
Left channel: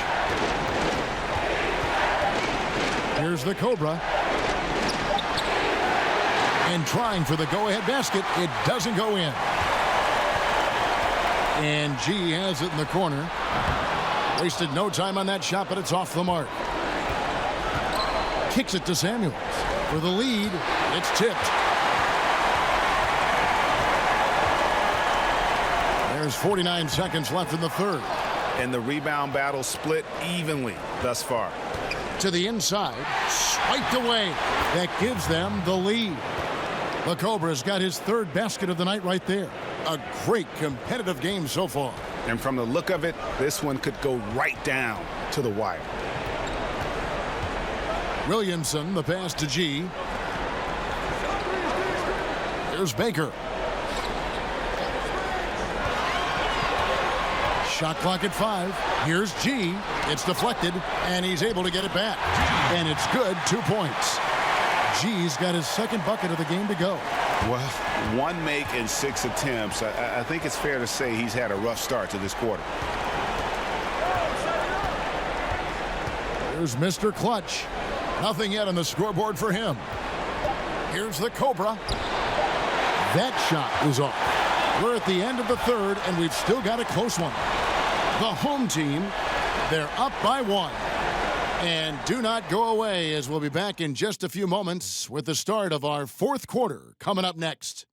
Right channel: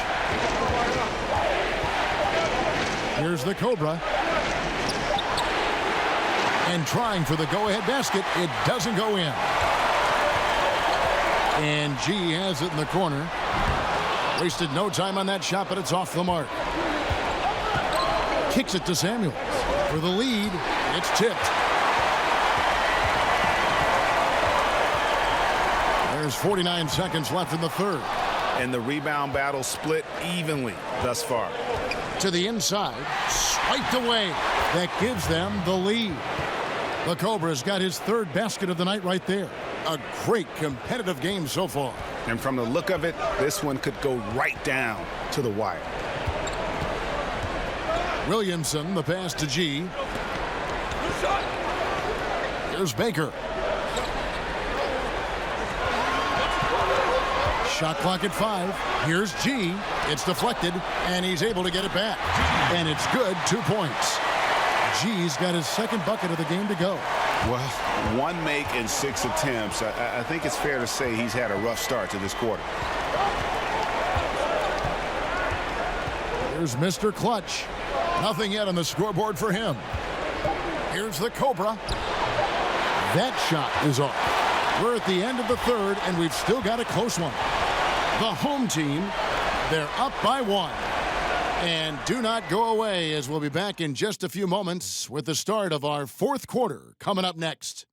Here's the Cobra. And trying for the go-ahead basket. It doesn't go in. And G has it in the corner. Wasted no time on that shot, but it's off the mark. Kicks it to Samuels. For the lead, it's tipped. There's 49 seconds left in the third. And the rebound battle split evenly thus far. To the inside, swiped away. That gives them the lead. The Cobra's got his third basket of the night right there. A great competitive game so far. And from the look of it, this one could go right down to the wire. Williamson, the pass to G. Here's Baker. Shot clock at 5. Here's G. It's deflected, and he's able to get it back. And it's good, 2 points. G's got his second bucket of the game to go. Well, 1 make in 6 attempts. I think it's fair to say he's had a rough start to this quarter. Here's Mr. Clutch. Nothing yet on the scoreboard for him. Here's the Cobra. That shot is off. We're at the end of the third, and we've still got a close one. The home team, they're up by 1. And do not go away, as we'll be back in just a few moments with the start of our fourth quarter coming up next.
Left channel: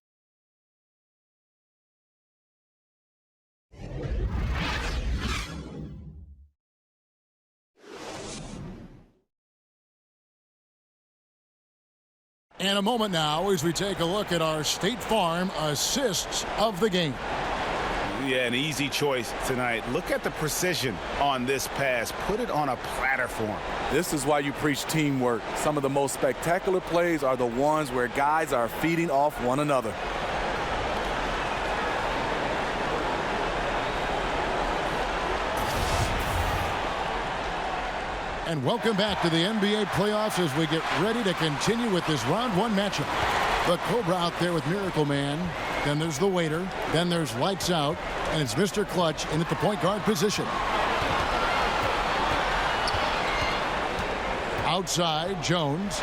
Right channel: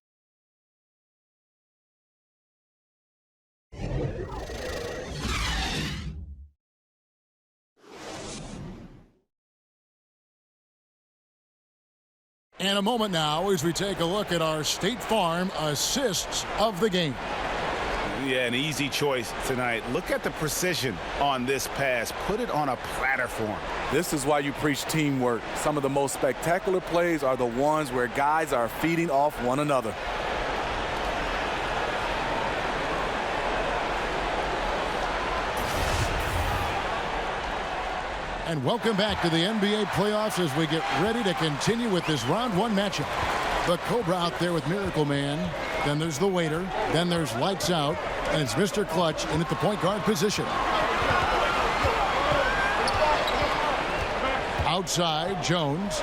And a moment now as we take a look at our State Farm assists of the game. Yeah, an easy choice tonight. Look at the precision on this pass. Put it on a platter for him. This is why you preach teamwork. Some of the most spectacular plays are the ones where guys are feeding off one another. And welcome back to the NBA playoffs as we get ready to continue with this round 1 matchup. The Cobra out there with Miracle Man. Then there's the waiter. Then there's Lights Out. And it's Mr. Clutch in at the point guard position. Outside, Jones.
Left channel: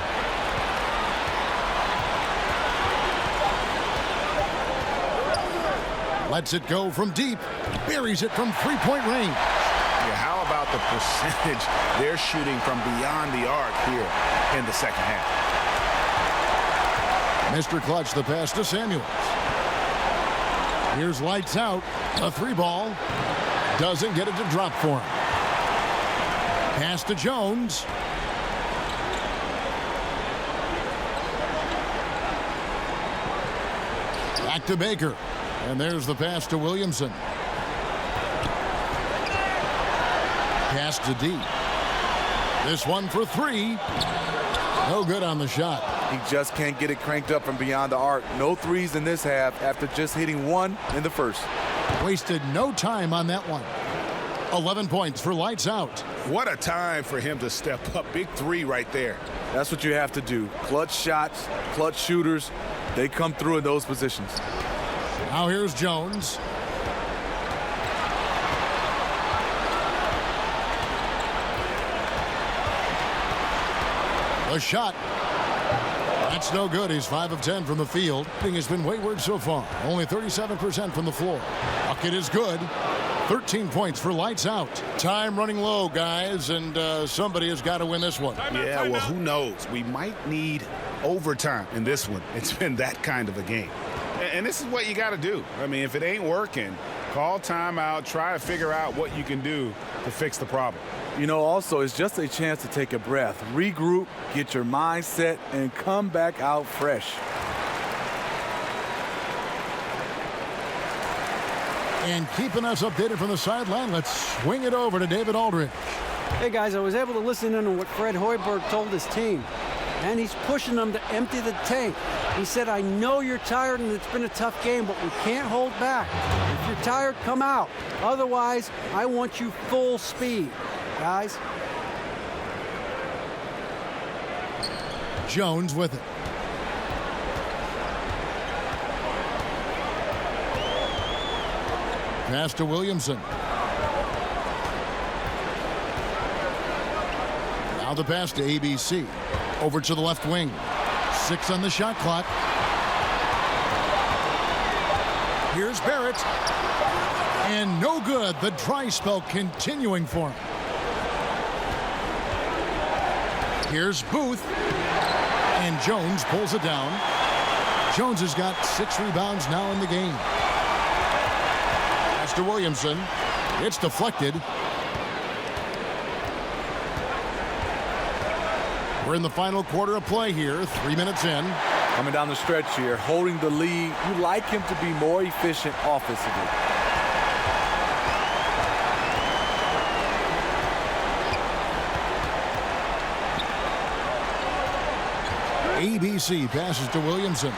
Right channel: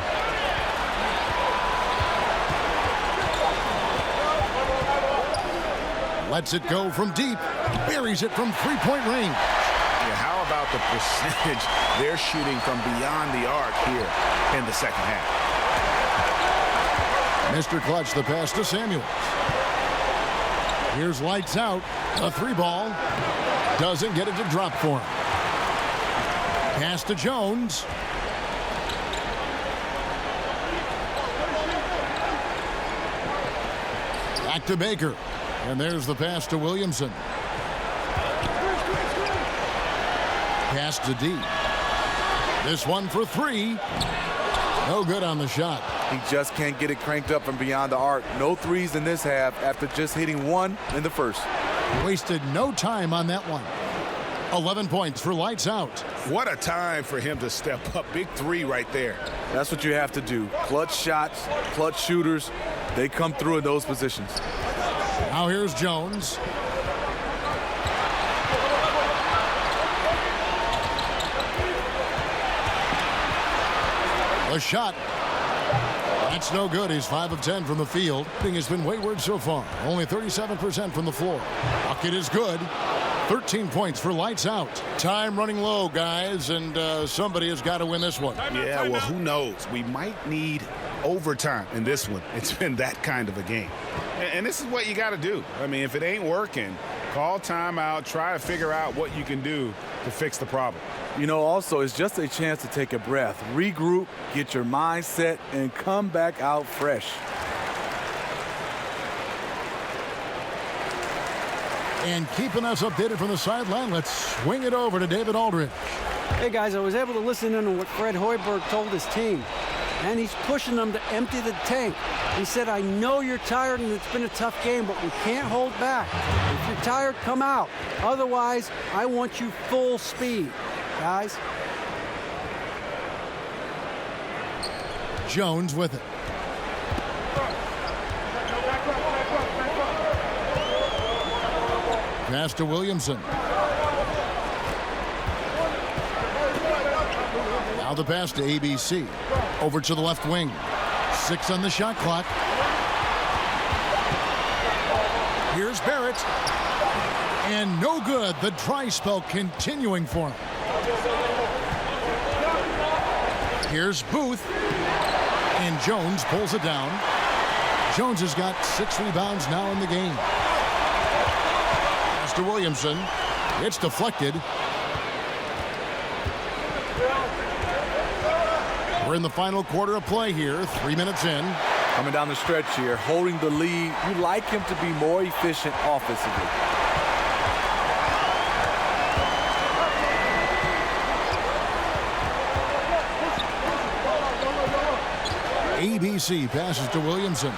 Lets it go from deep. Buries it from three-point range. Yeah, how about the percentage they're shooting from beyond the arc here in the second half? Mr. Clutch, the pass to Samuels. Here's Lights Out. A 3-ball. Doesn't get it to drop for him. Pass to Jones. Back to Baker. And there's the pass to Williamson. Pass to D. This one for 3. No good on the shot. He just can't get it cranked up from beyond the arc. No threes in this half after just hitting 1 in the first. Wasted no time on that one. 11 points for Lights Out. What a time for him to step up. Big 3 right there. That's what you have to do. Clutch shots, clutch shooters. They come through in those positions. Now here's Jones. A shot. That's no good. He's 5 of 10 from the field. He has been wayward so far. Only 37% from the floor. Bucket is good. 13 points for Lights Out. Time running low, guys, and somebody has got to win this one. Yeah, well, who knows? We might need overtime in this one. It's been that kind of a game. And this is what you got to do. I mean, if it ain't working, call timeout, try to figure out what you can do to fix the problem. You know, also, it's just a chance to take a breath, regroup, get your mind set, and come back out fresh. And keeping us updated from the sideline, let's swing it over to David Aldridge. Hey, guys, I was able to listen in on what Fred Hoiberg told his team. and he's pushing them to empty the tank. He said, I know you're tired and it's been a tough game, but we can't hold back. If you're tired, come out. Otherwise, I want you full speed, guys. Jones with it. Pass to Williamson. Now the pass to ABC. Over to the left wing. 6 on the shot clock. Here's Barrett. And no good. The dry spell continuing for him. Here's Booth. And Jones pulls it down. Jones has got 6 rebounds now in the game. Pass to Williamson. It's deflected. We're in the final quarter of play here. 3 minutes in. Coming down the stretch here, holding the lead. You like him to be more efficient offensively. ABC passes to Williamson.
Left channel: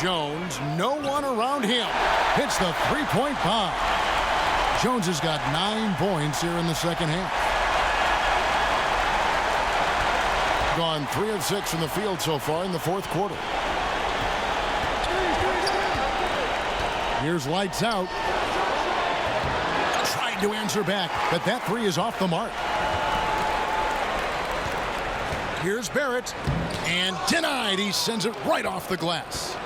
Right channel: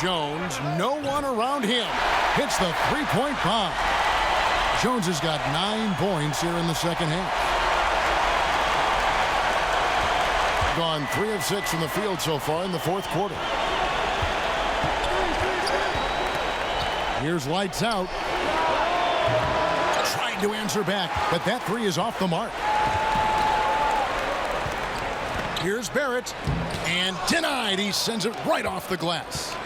Jones, no one around him. Hits the three-point bomb. Jones has got 9 points here in the second half. Gone 3 of 6 from the field so far in the fourth quarter. Here's lights out. Tried to answer back, but that 3 is off the mark. Here's Barrett, and denied. He sends it right off the glass.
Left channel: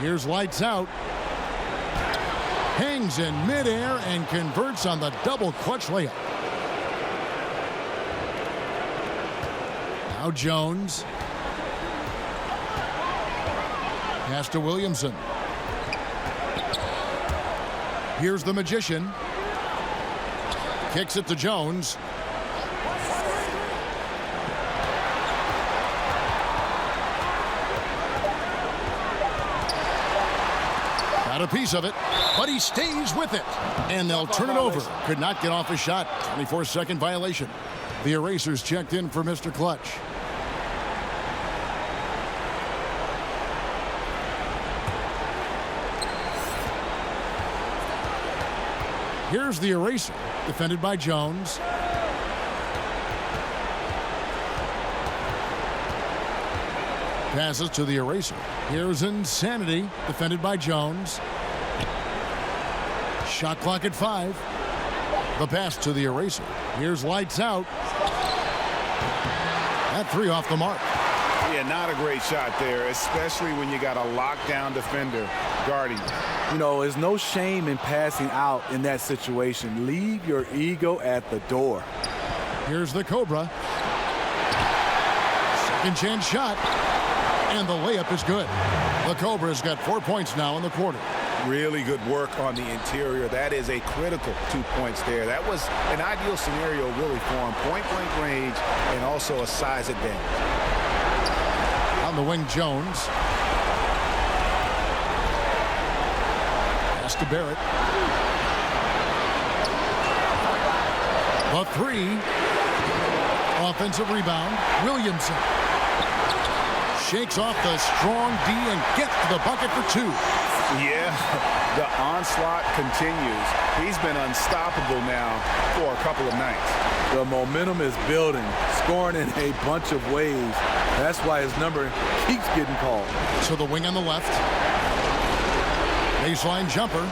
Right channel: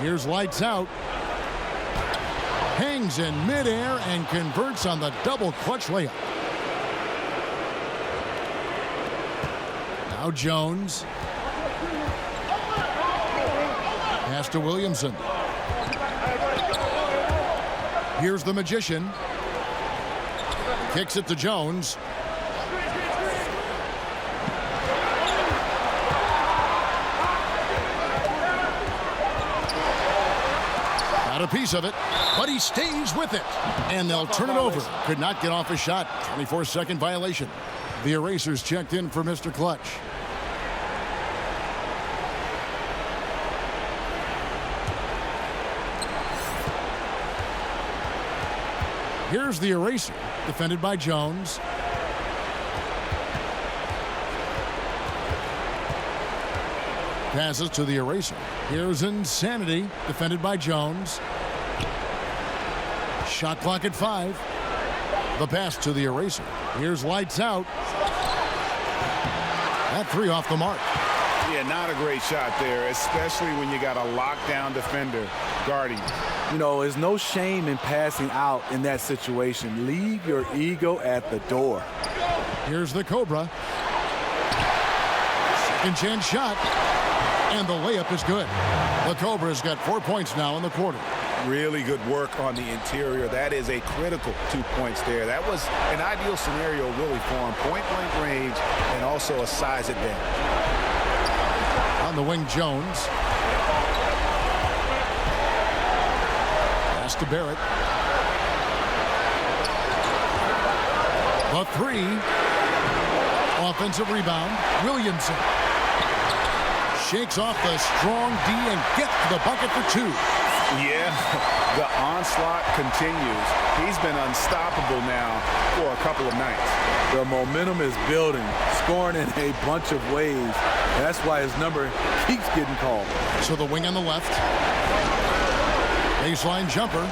Here's lights out. Hangs in midair and converts on the double clutch layup. Now Jones. Pass to Williamson. Here's the Magician. Kicks it to Jones. Got a piece of it, but he stays with it. And they'll turn it over. Could not get off a shot. 24-second violation. The Erasers checked in for Mr. Clutch. Here's the Eraser, defended by Jones. Passes to the Eraser. Here's Insanity, defended by Jones. Shot clock at 5. The pass to the Eraser. Here's lights out. That 3 off the mark. Yeah, not a great shot there, especially when you got a lockdown defender guarding. You know, there's no shame in passing out in that situation. Leave your ego at the door. Here's the Cobra. Second chance shot. And the layup is good. The Cobra's got 4 points now in the quarter. Really good work on the interior. That is a critical 2 points there. That was an ideal scenario really for him. Point-blank range and also a size advantage. On the wing, Jones. Pass to Barrett. The 3. Offensive rebound. Williamson. Shakes off the strong D and gets to the bucket for 2. Yeah, the onslaught continues. He's been unstoppable now for a couple of nights. The momentum is building, scoring in a bunch of ways. That's why his number keeps getting called. So the wing on the left. Baseline jumper.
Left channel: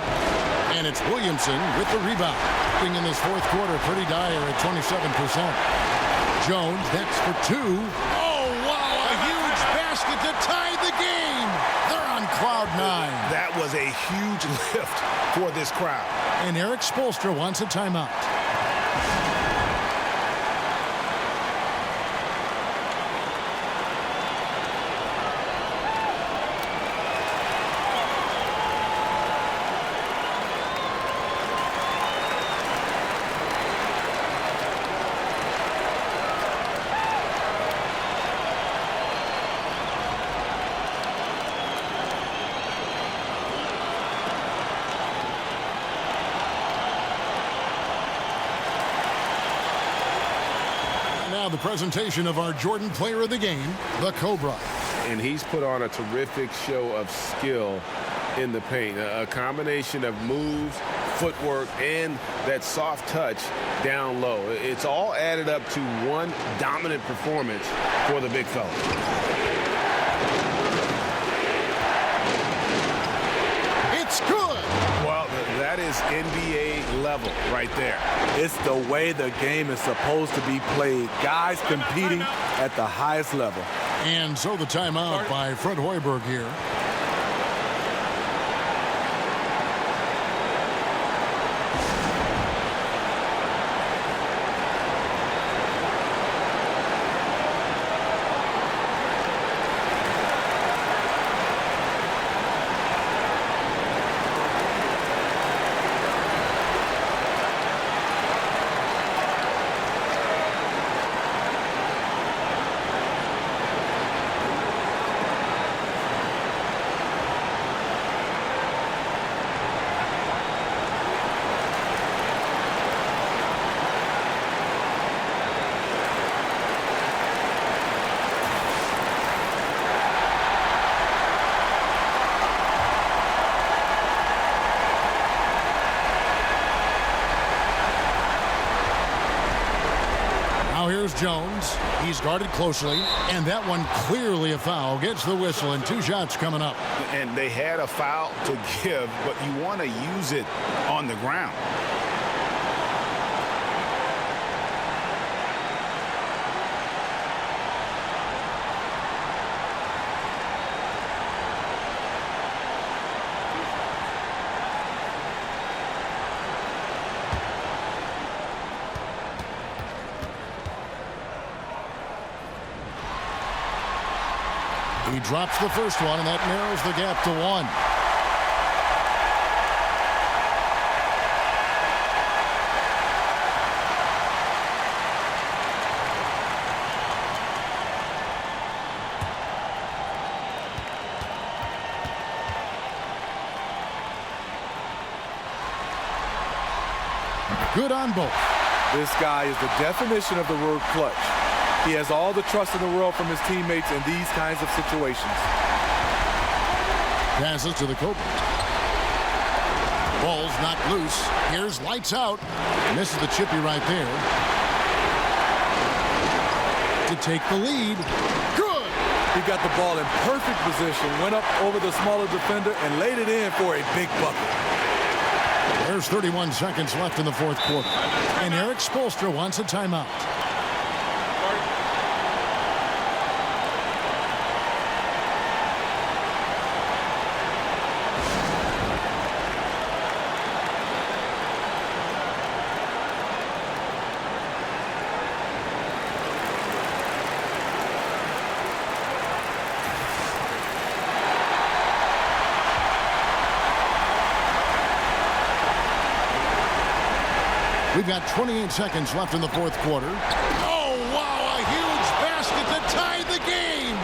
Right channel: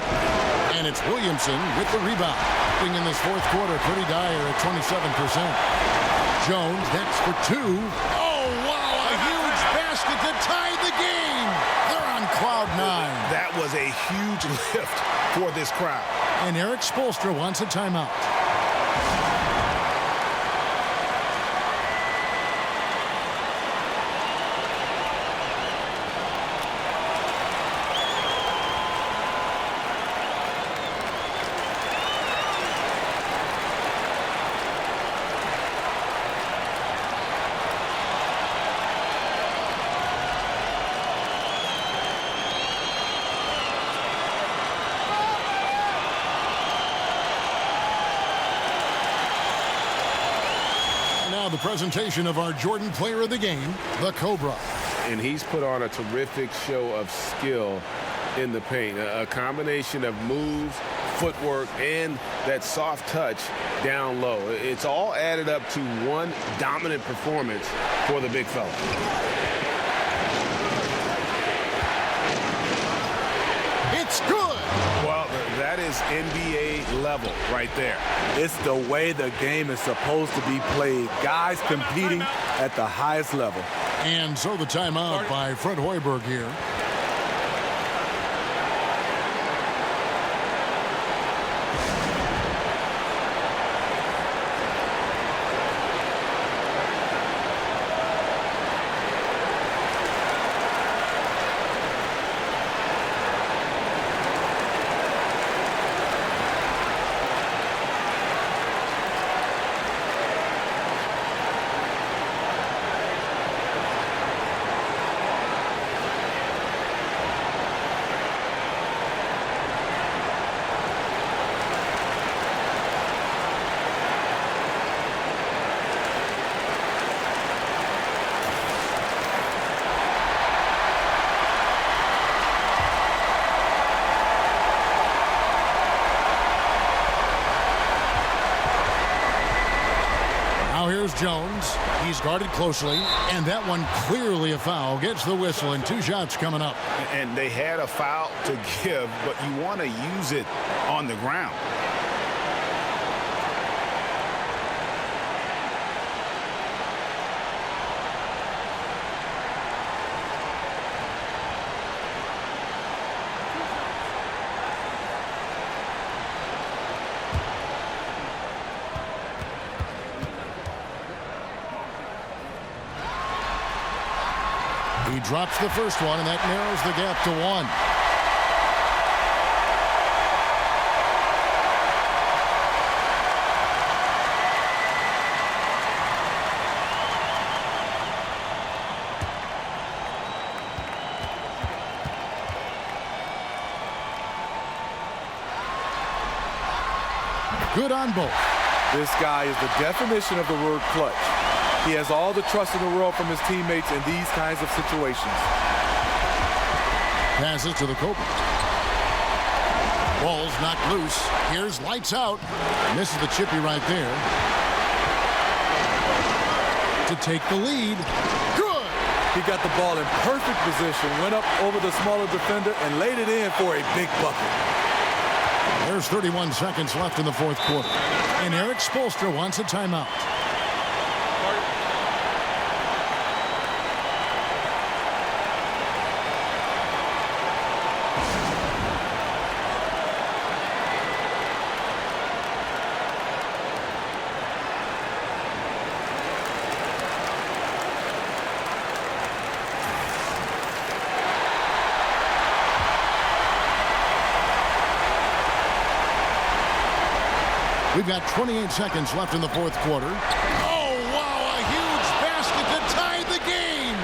And it's Williamson with the rebound. Being in this fourth quarter pretty dire at 27%. Jones next for 2. Oh, wow, a huge basket to tie the game. They're on cloud 9. That was a huge lift for this crowd. And Eric Spoelstra wants a timeout. now the presentation of our Jordan Player of the Game, the Cobra. And he's put on a terrific show of skill in the paint. A combination of moves, footwork, and that soft touch down low. It's all added up to one dominant performance for the big fella. It's good. Well, that is NBA level right there. It's the way the game is supposed to be played. Guys competing at the highest level. And so the timeout by Fred Hoiberg here. Now here's Jones. He's guarded closely, and that one clearly a foul. Gets the whistle, and 2 shots coming up. And they had a foul to give, but you want to use it on the ground. He drops the first one, and that narrows the gap to 1. Good on both. This guy is the definition of the word clutch. He has all the trust in the world from his teammates in these kinds of situations. Passes to the Cobras. Ball's knocked loose. Here's lights out. Misses the chippy right there. To take the lead. Good. He got the ball in perfect position, went up over the smaller defender, and laid it in for a big bucket. There's 31 seconds left in the fourth quarter. And Eric Spoelstra wants a timeout. We've got 28 seconds left in the fourth quarter. Oh, wow, a huge basket to tie the game.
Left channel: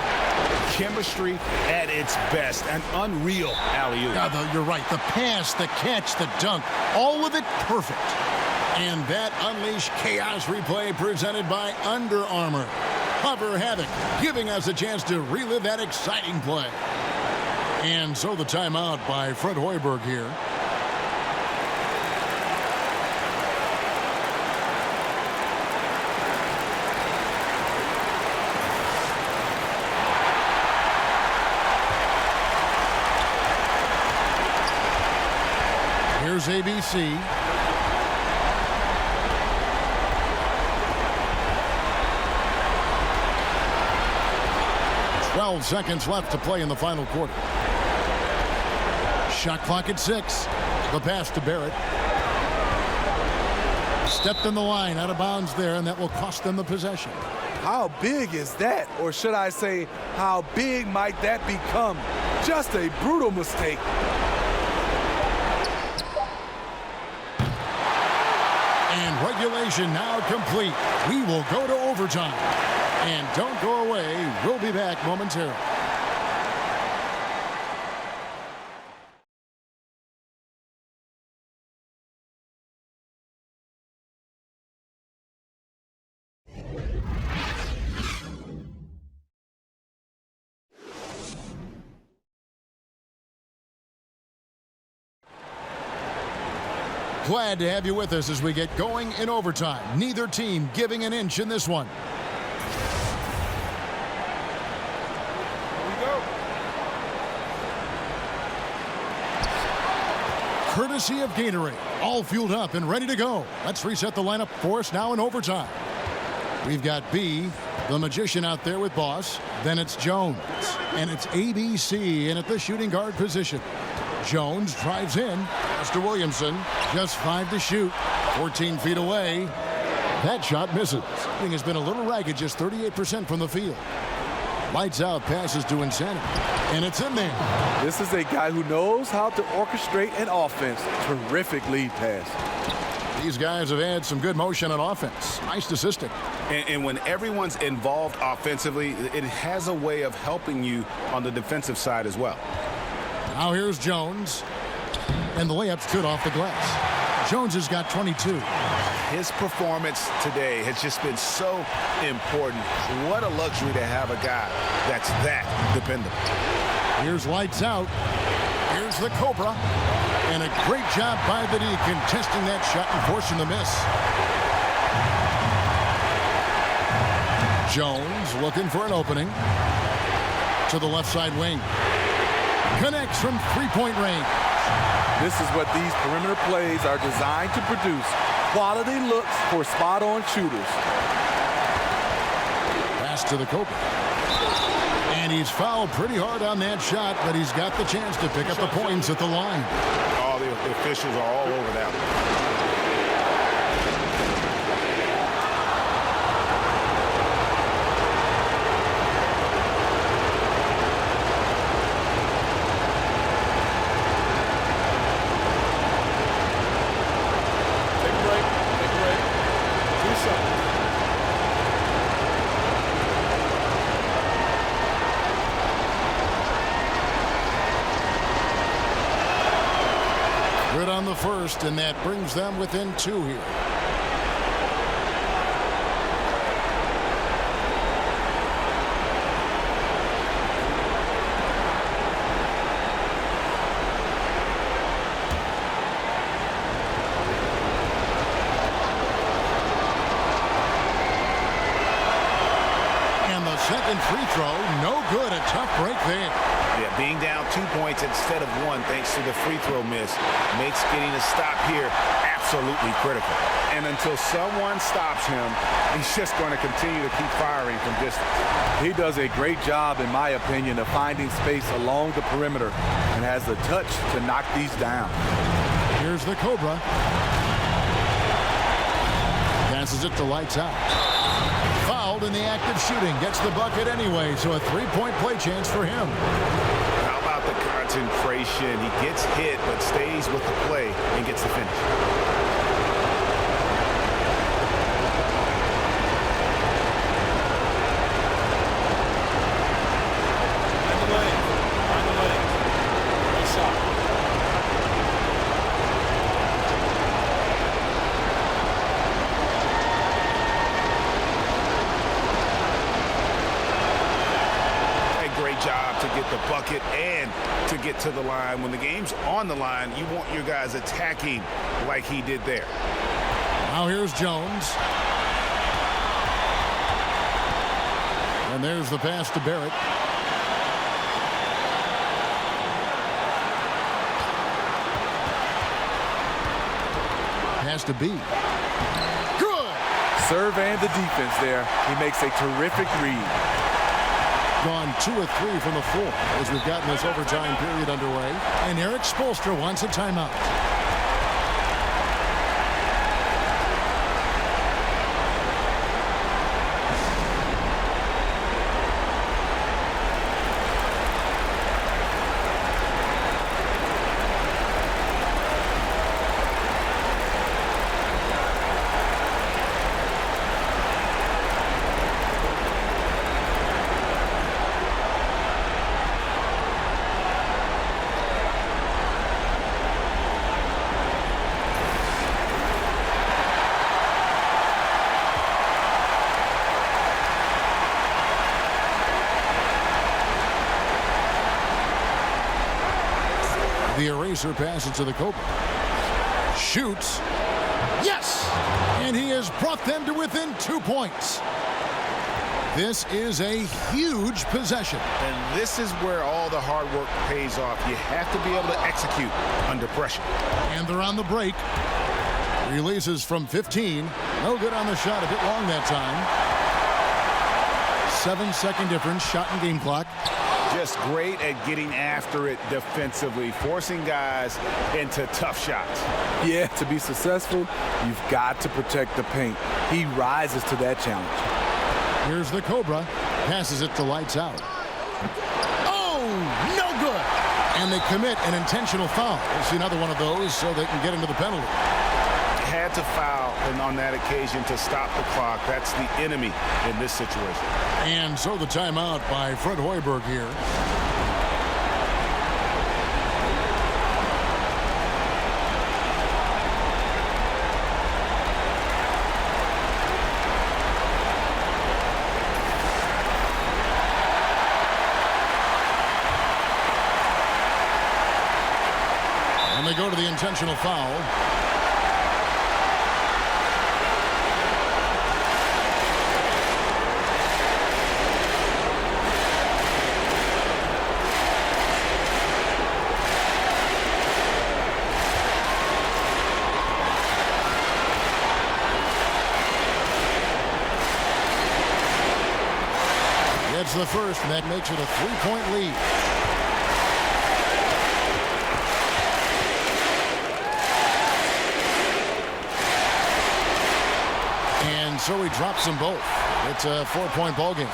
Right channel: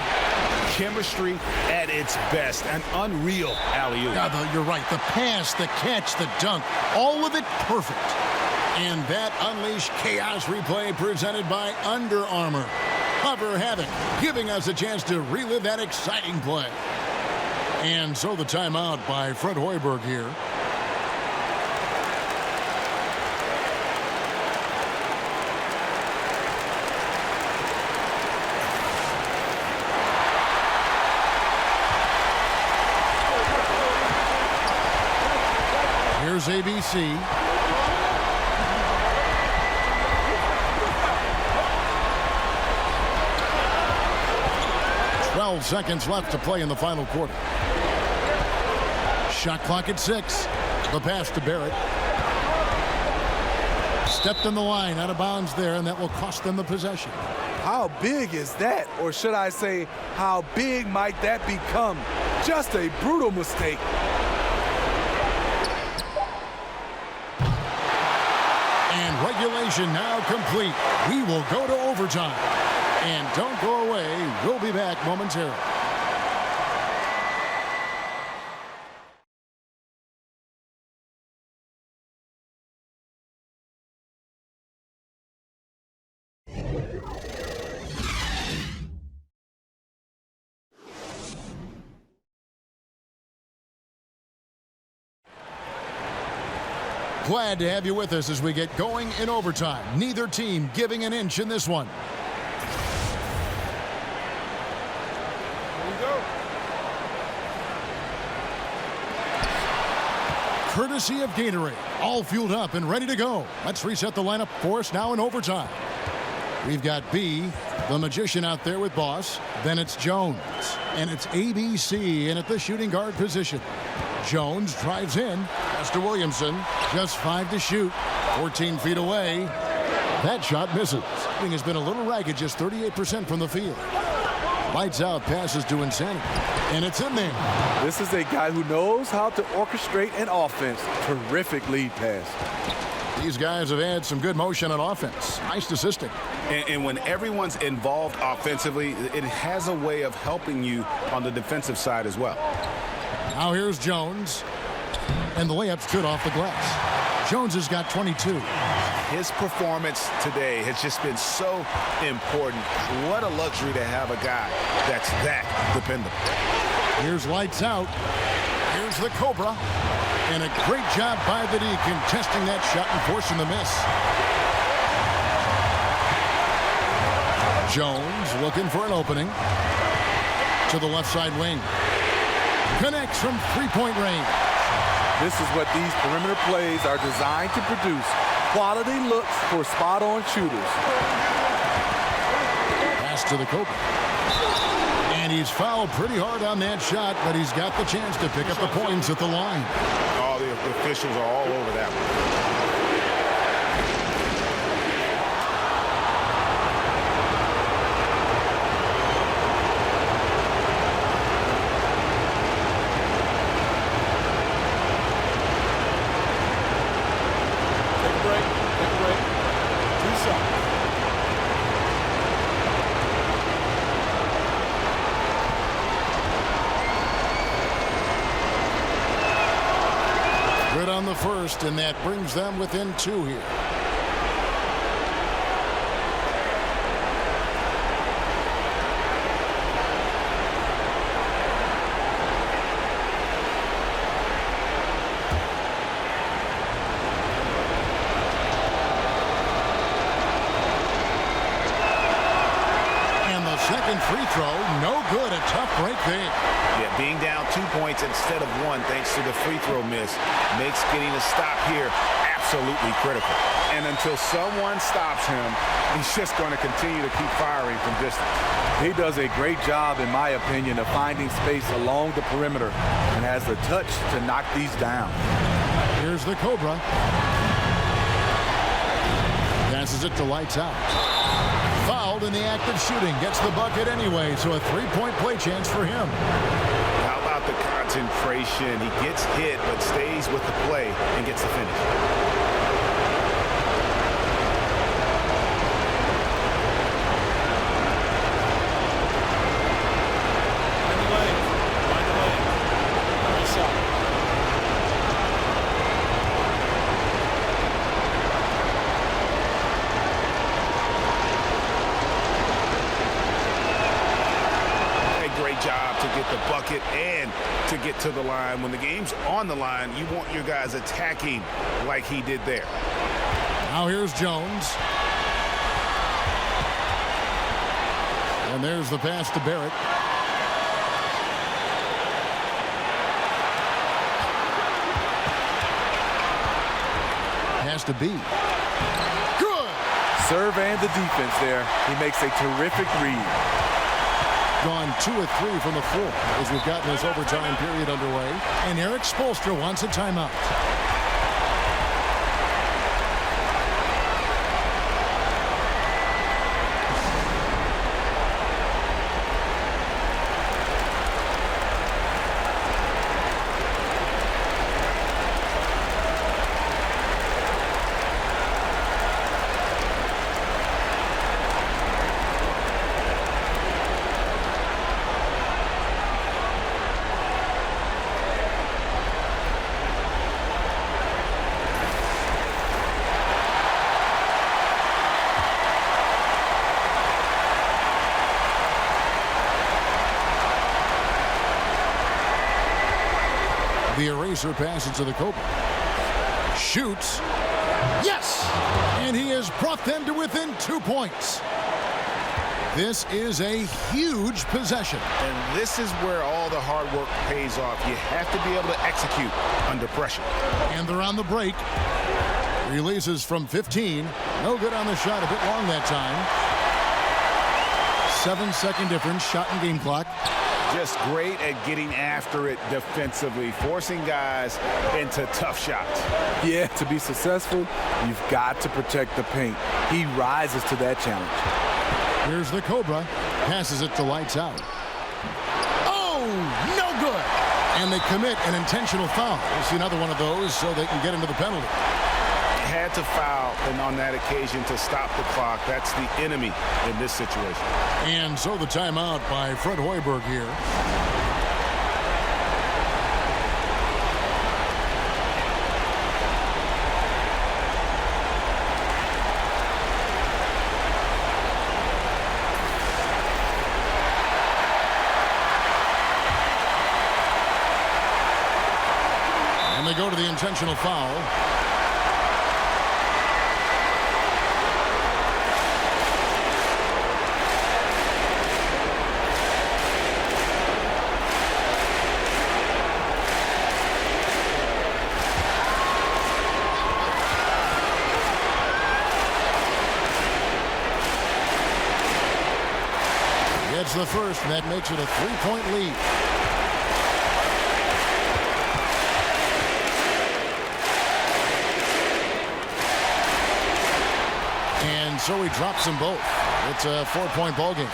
Chemistry at its best. An unreal alley-oop. Yeah, you're right. The pass, the catch, the dunk, all of it perfect. And that unleashed chaos replay presented by Under Armour. Hover Havoc, giving us a chance to relive that exciting play. And so the timeout by Fred Hoiberg here. Here's ABC. "12 seconds left to play in the final quarter. Shot clock at 6. The pass to Barrett. Stepped in the line, out of bounds there, and that will cost them the possession. How big is that? Or should I say, how big might that become? Just a brutal mistake. And regulation now complete. We will go to overtime. And don't go away. We'll be back momentarily. Glad to have you with us as we get going in overtime. Neither team giving an inch in this one. Here we go. Courtesy of Gatorade. All fueled up and ready to go. Let's reset the lineup for us now in overtime. We've got B, the magician out there with Boss. Then it's Jones. And it's ABC in at the shooting guard position. Jones drives in. Pass to Williamson. Just 5 to shoot. 14 feet away. That shot misses. Shooting has been a little ragged, just 38% from the field. Lights out, passes to Insanity. And it's in there. This is a guy who knows how to orchestrate an offense. Terrific lead pass. These guys have had some good motion on offense. Nice assisting. And when everyone's involved offensively, it has a way of helping you on the defensive side as well. Now here's Jones. And the layup's good off the glass. Jones has got 22. His performance today has just been so important. What a luxury to have a guy that's that dependable. Here's lights out. Here's the Cobra. And a great job by the D contesting that shot and forcing the miss. Jones looking for an opening. To the left side wing. Connects from three-point range. This is what these perimeter plays are designed to produce. Quality looks for spot-on shooters. Pass to the Cobra. And he's fouled pretty hard on that shot, but he's got the chance to pick up the points at the line. All the officials are all over that one. Good on the first, and that brings them within 2 here. And the second free throw, no good. A tough break there. Yeah, being down 2 points instead of 1 thanks to the free throw miss makes getting a stop here absolutely critical. And until someone stops him, he's just going to continue to keep firing from distance. He does a great job, in my opinion, of finding space along the perimeter and has the touch to knock these down. Here's the Cobra. Passes it to lights out. Fouled in the act of shooting. Gets the bucket anyway, so a three-point play chance for him. How about the concentration? He gets hit but stays with the play and gets the finish. Find the lane. Find the lane. Great shot. Great job to get the bucket and to get to the line. When the game's on the line, you want your guys attacking like he did there. Now here's Jones. And there's the pass to Barrett. Pass to B. Good! Serve and the defense there. He makes a terrific read. Gone 2 of 3 from the floor as we've gotten this overtime period underway. And Eric Spoelstra wants a timeout. The eraser passes to the Cobra. Shoots. Yes! And he has brought them to within 2 points. This is a huge possession. And this is where all the hard work pays off. You have to be able to execute under pressure. And they're on the break. Releases from 15. No good on the shot. A bit long that time. 7-second difference. Shot and game clock. Just great at getting after it defensively, forcing guys into tough shots. Yeah, to be successful, you've got to protect the paint. He rises to that challenge. Here's the Cobra. Passes it to lights out. Oh, no good. And they commit an intentional foul. We'll see another one of those so they can get into the penalty. Had to foul and on that occasion to stop the clock. That's the enemy in this situation. And so the timeout by Fred Hoiberg here. And they go to the intentional foul. Gets the first, and that makes it a 3-point lead. And so he drops them both. It's a 4-point ball game.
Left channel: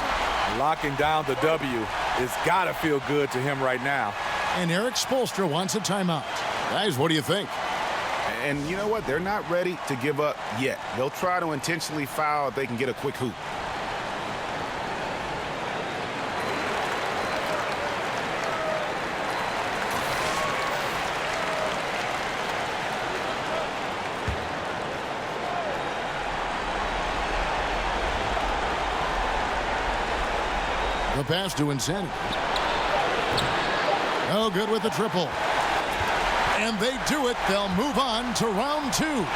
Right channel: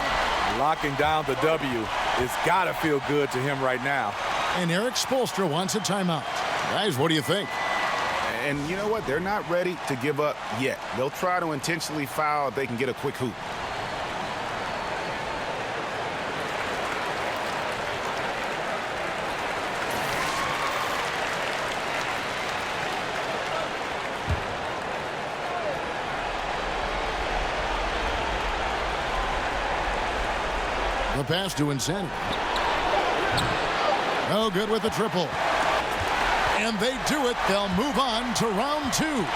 Locking down the W. It's got to feel good to him right now. And Eric Spoelstra wants a timeout. Guys, what do you think? And you know what? They're not ready to give up yet. They'll try to intentionally foul if they can get a quick hoop. The pass to Insanity. No good with the triple. And they do it. They'll move on to round 2.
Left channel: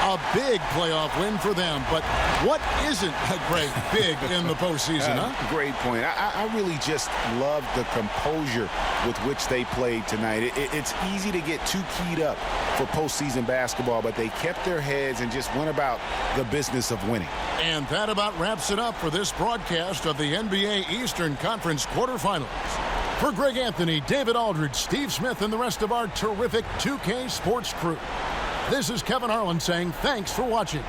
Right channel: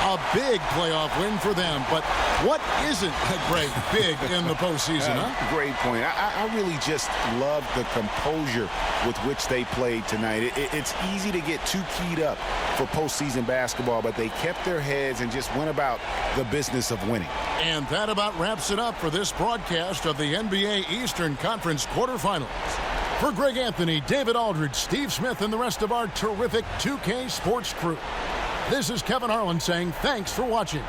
A big playoff win for them. But what isn't a great big in the postseason, huh? Great point. I really just love the composure with which they played tonight. It's easy to get too keyed up for postseason basketball, but they kept their heads and just went about the business of winning. And that about wraps it up for this broadcast of the NBA Eastern Conference quarterfinals. For Greg Anthony, David Aldridge, Steve Smith, and the rest of our terrific 2K Sports crew, this is Kevin Harlan saying thanks for watching.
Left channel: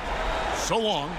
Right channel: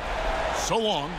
So long.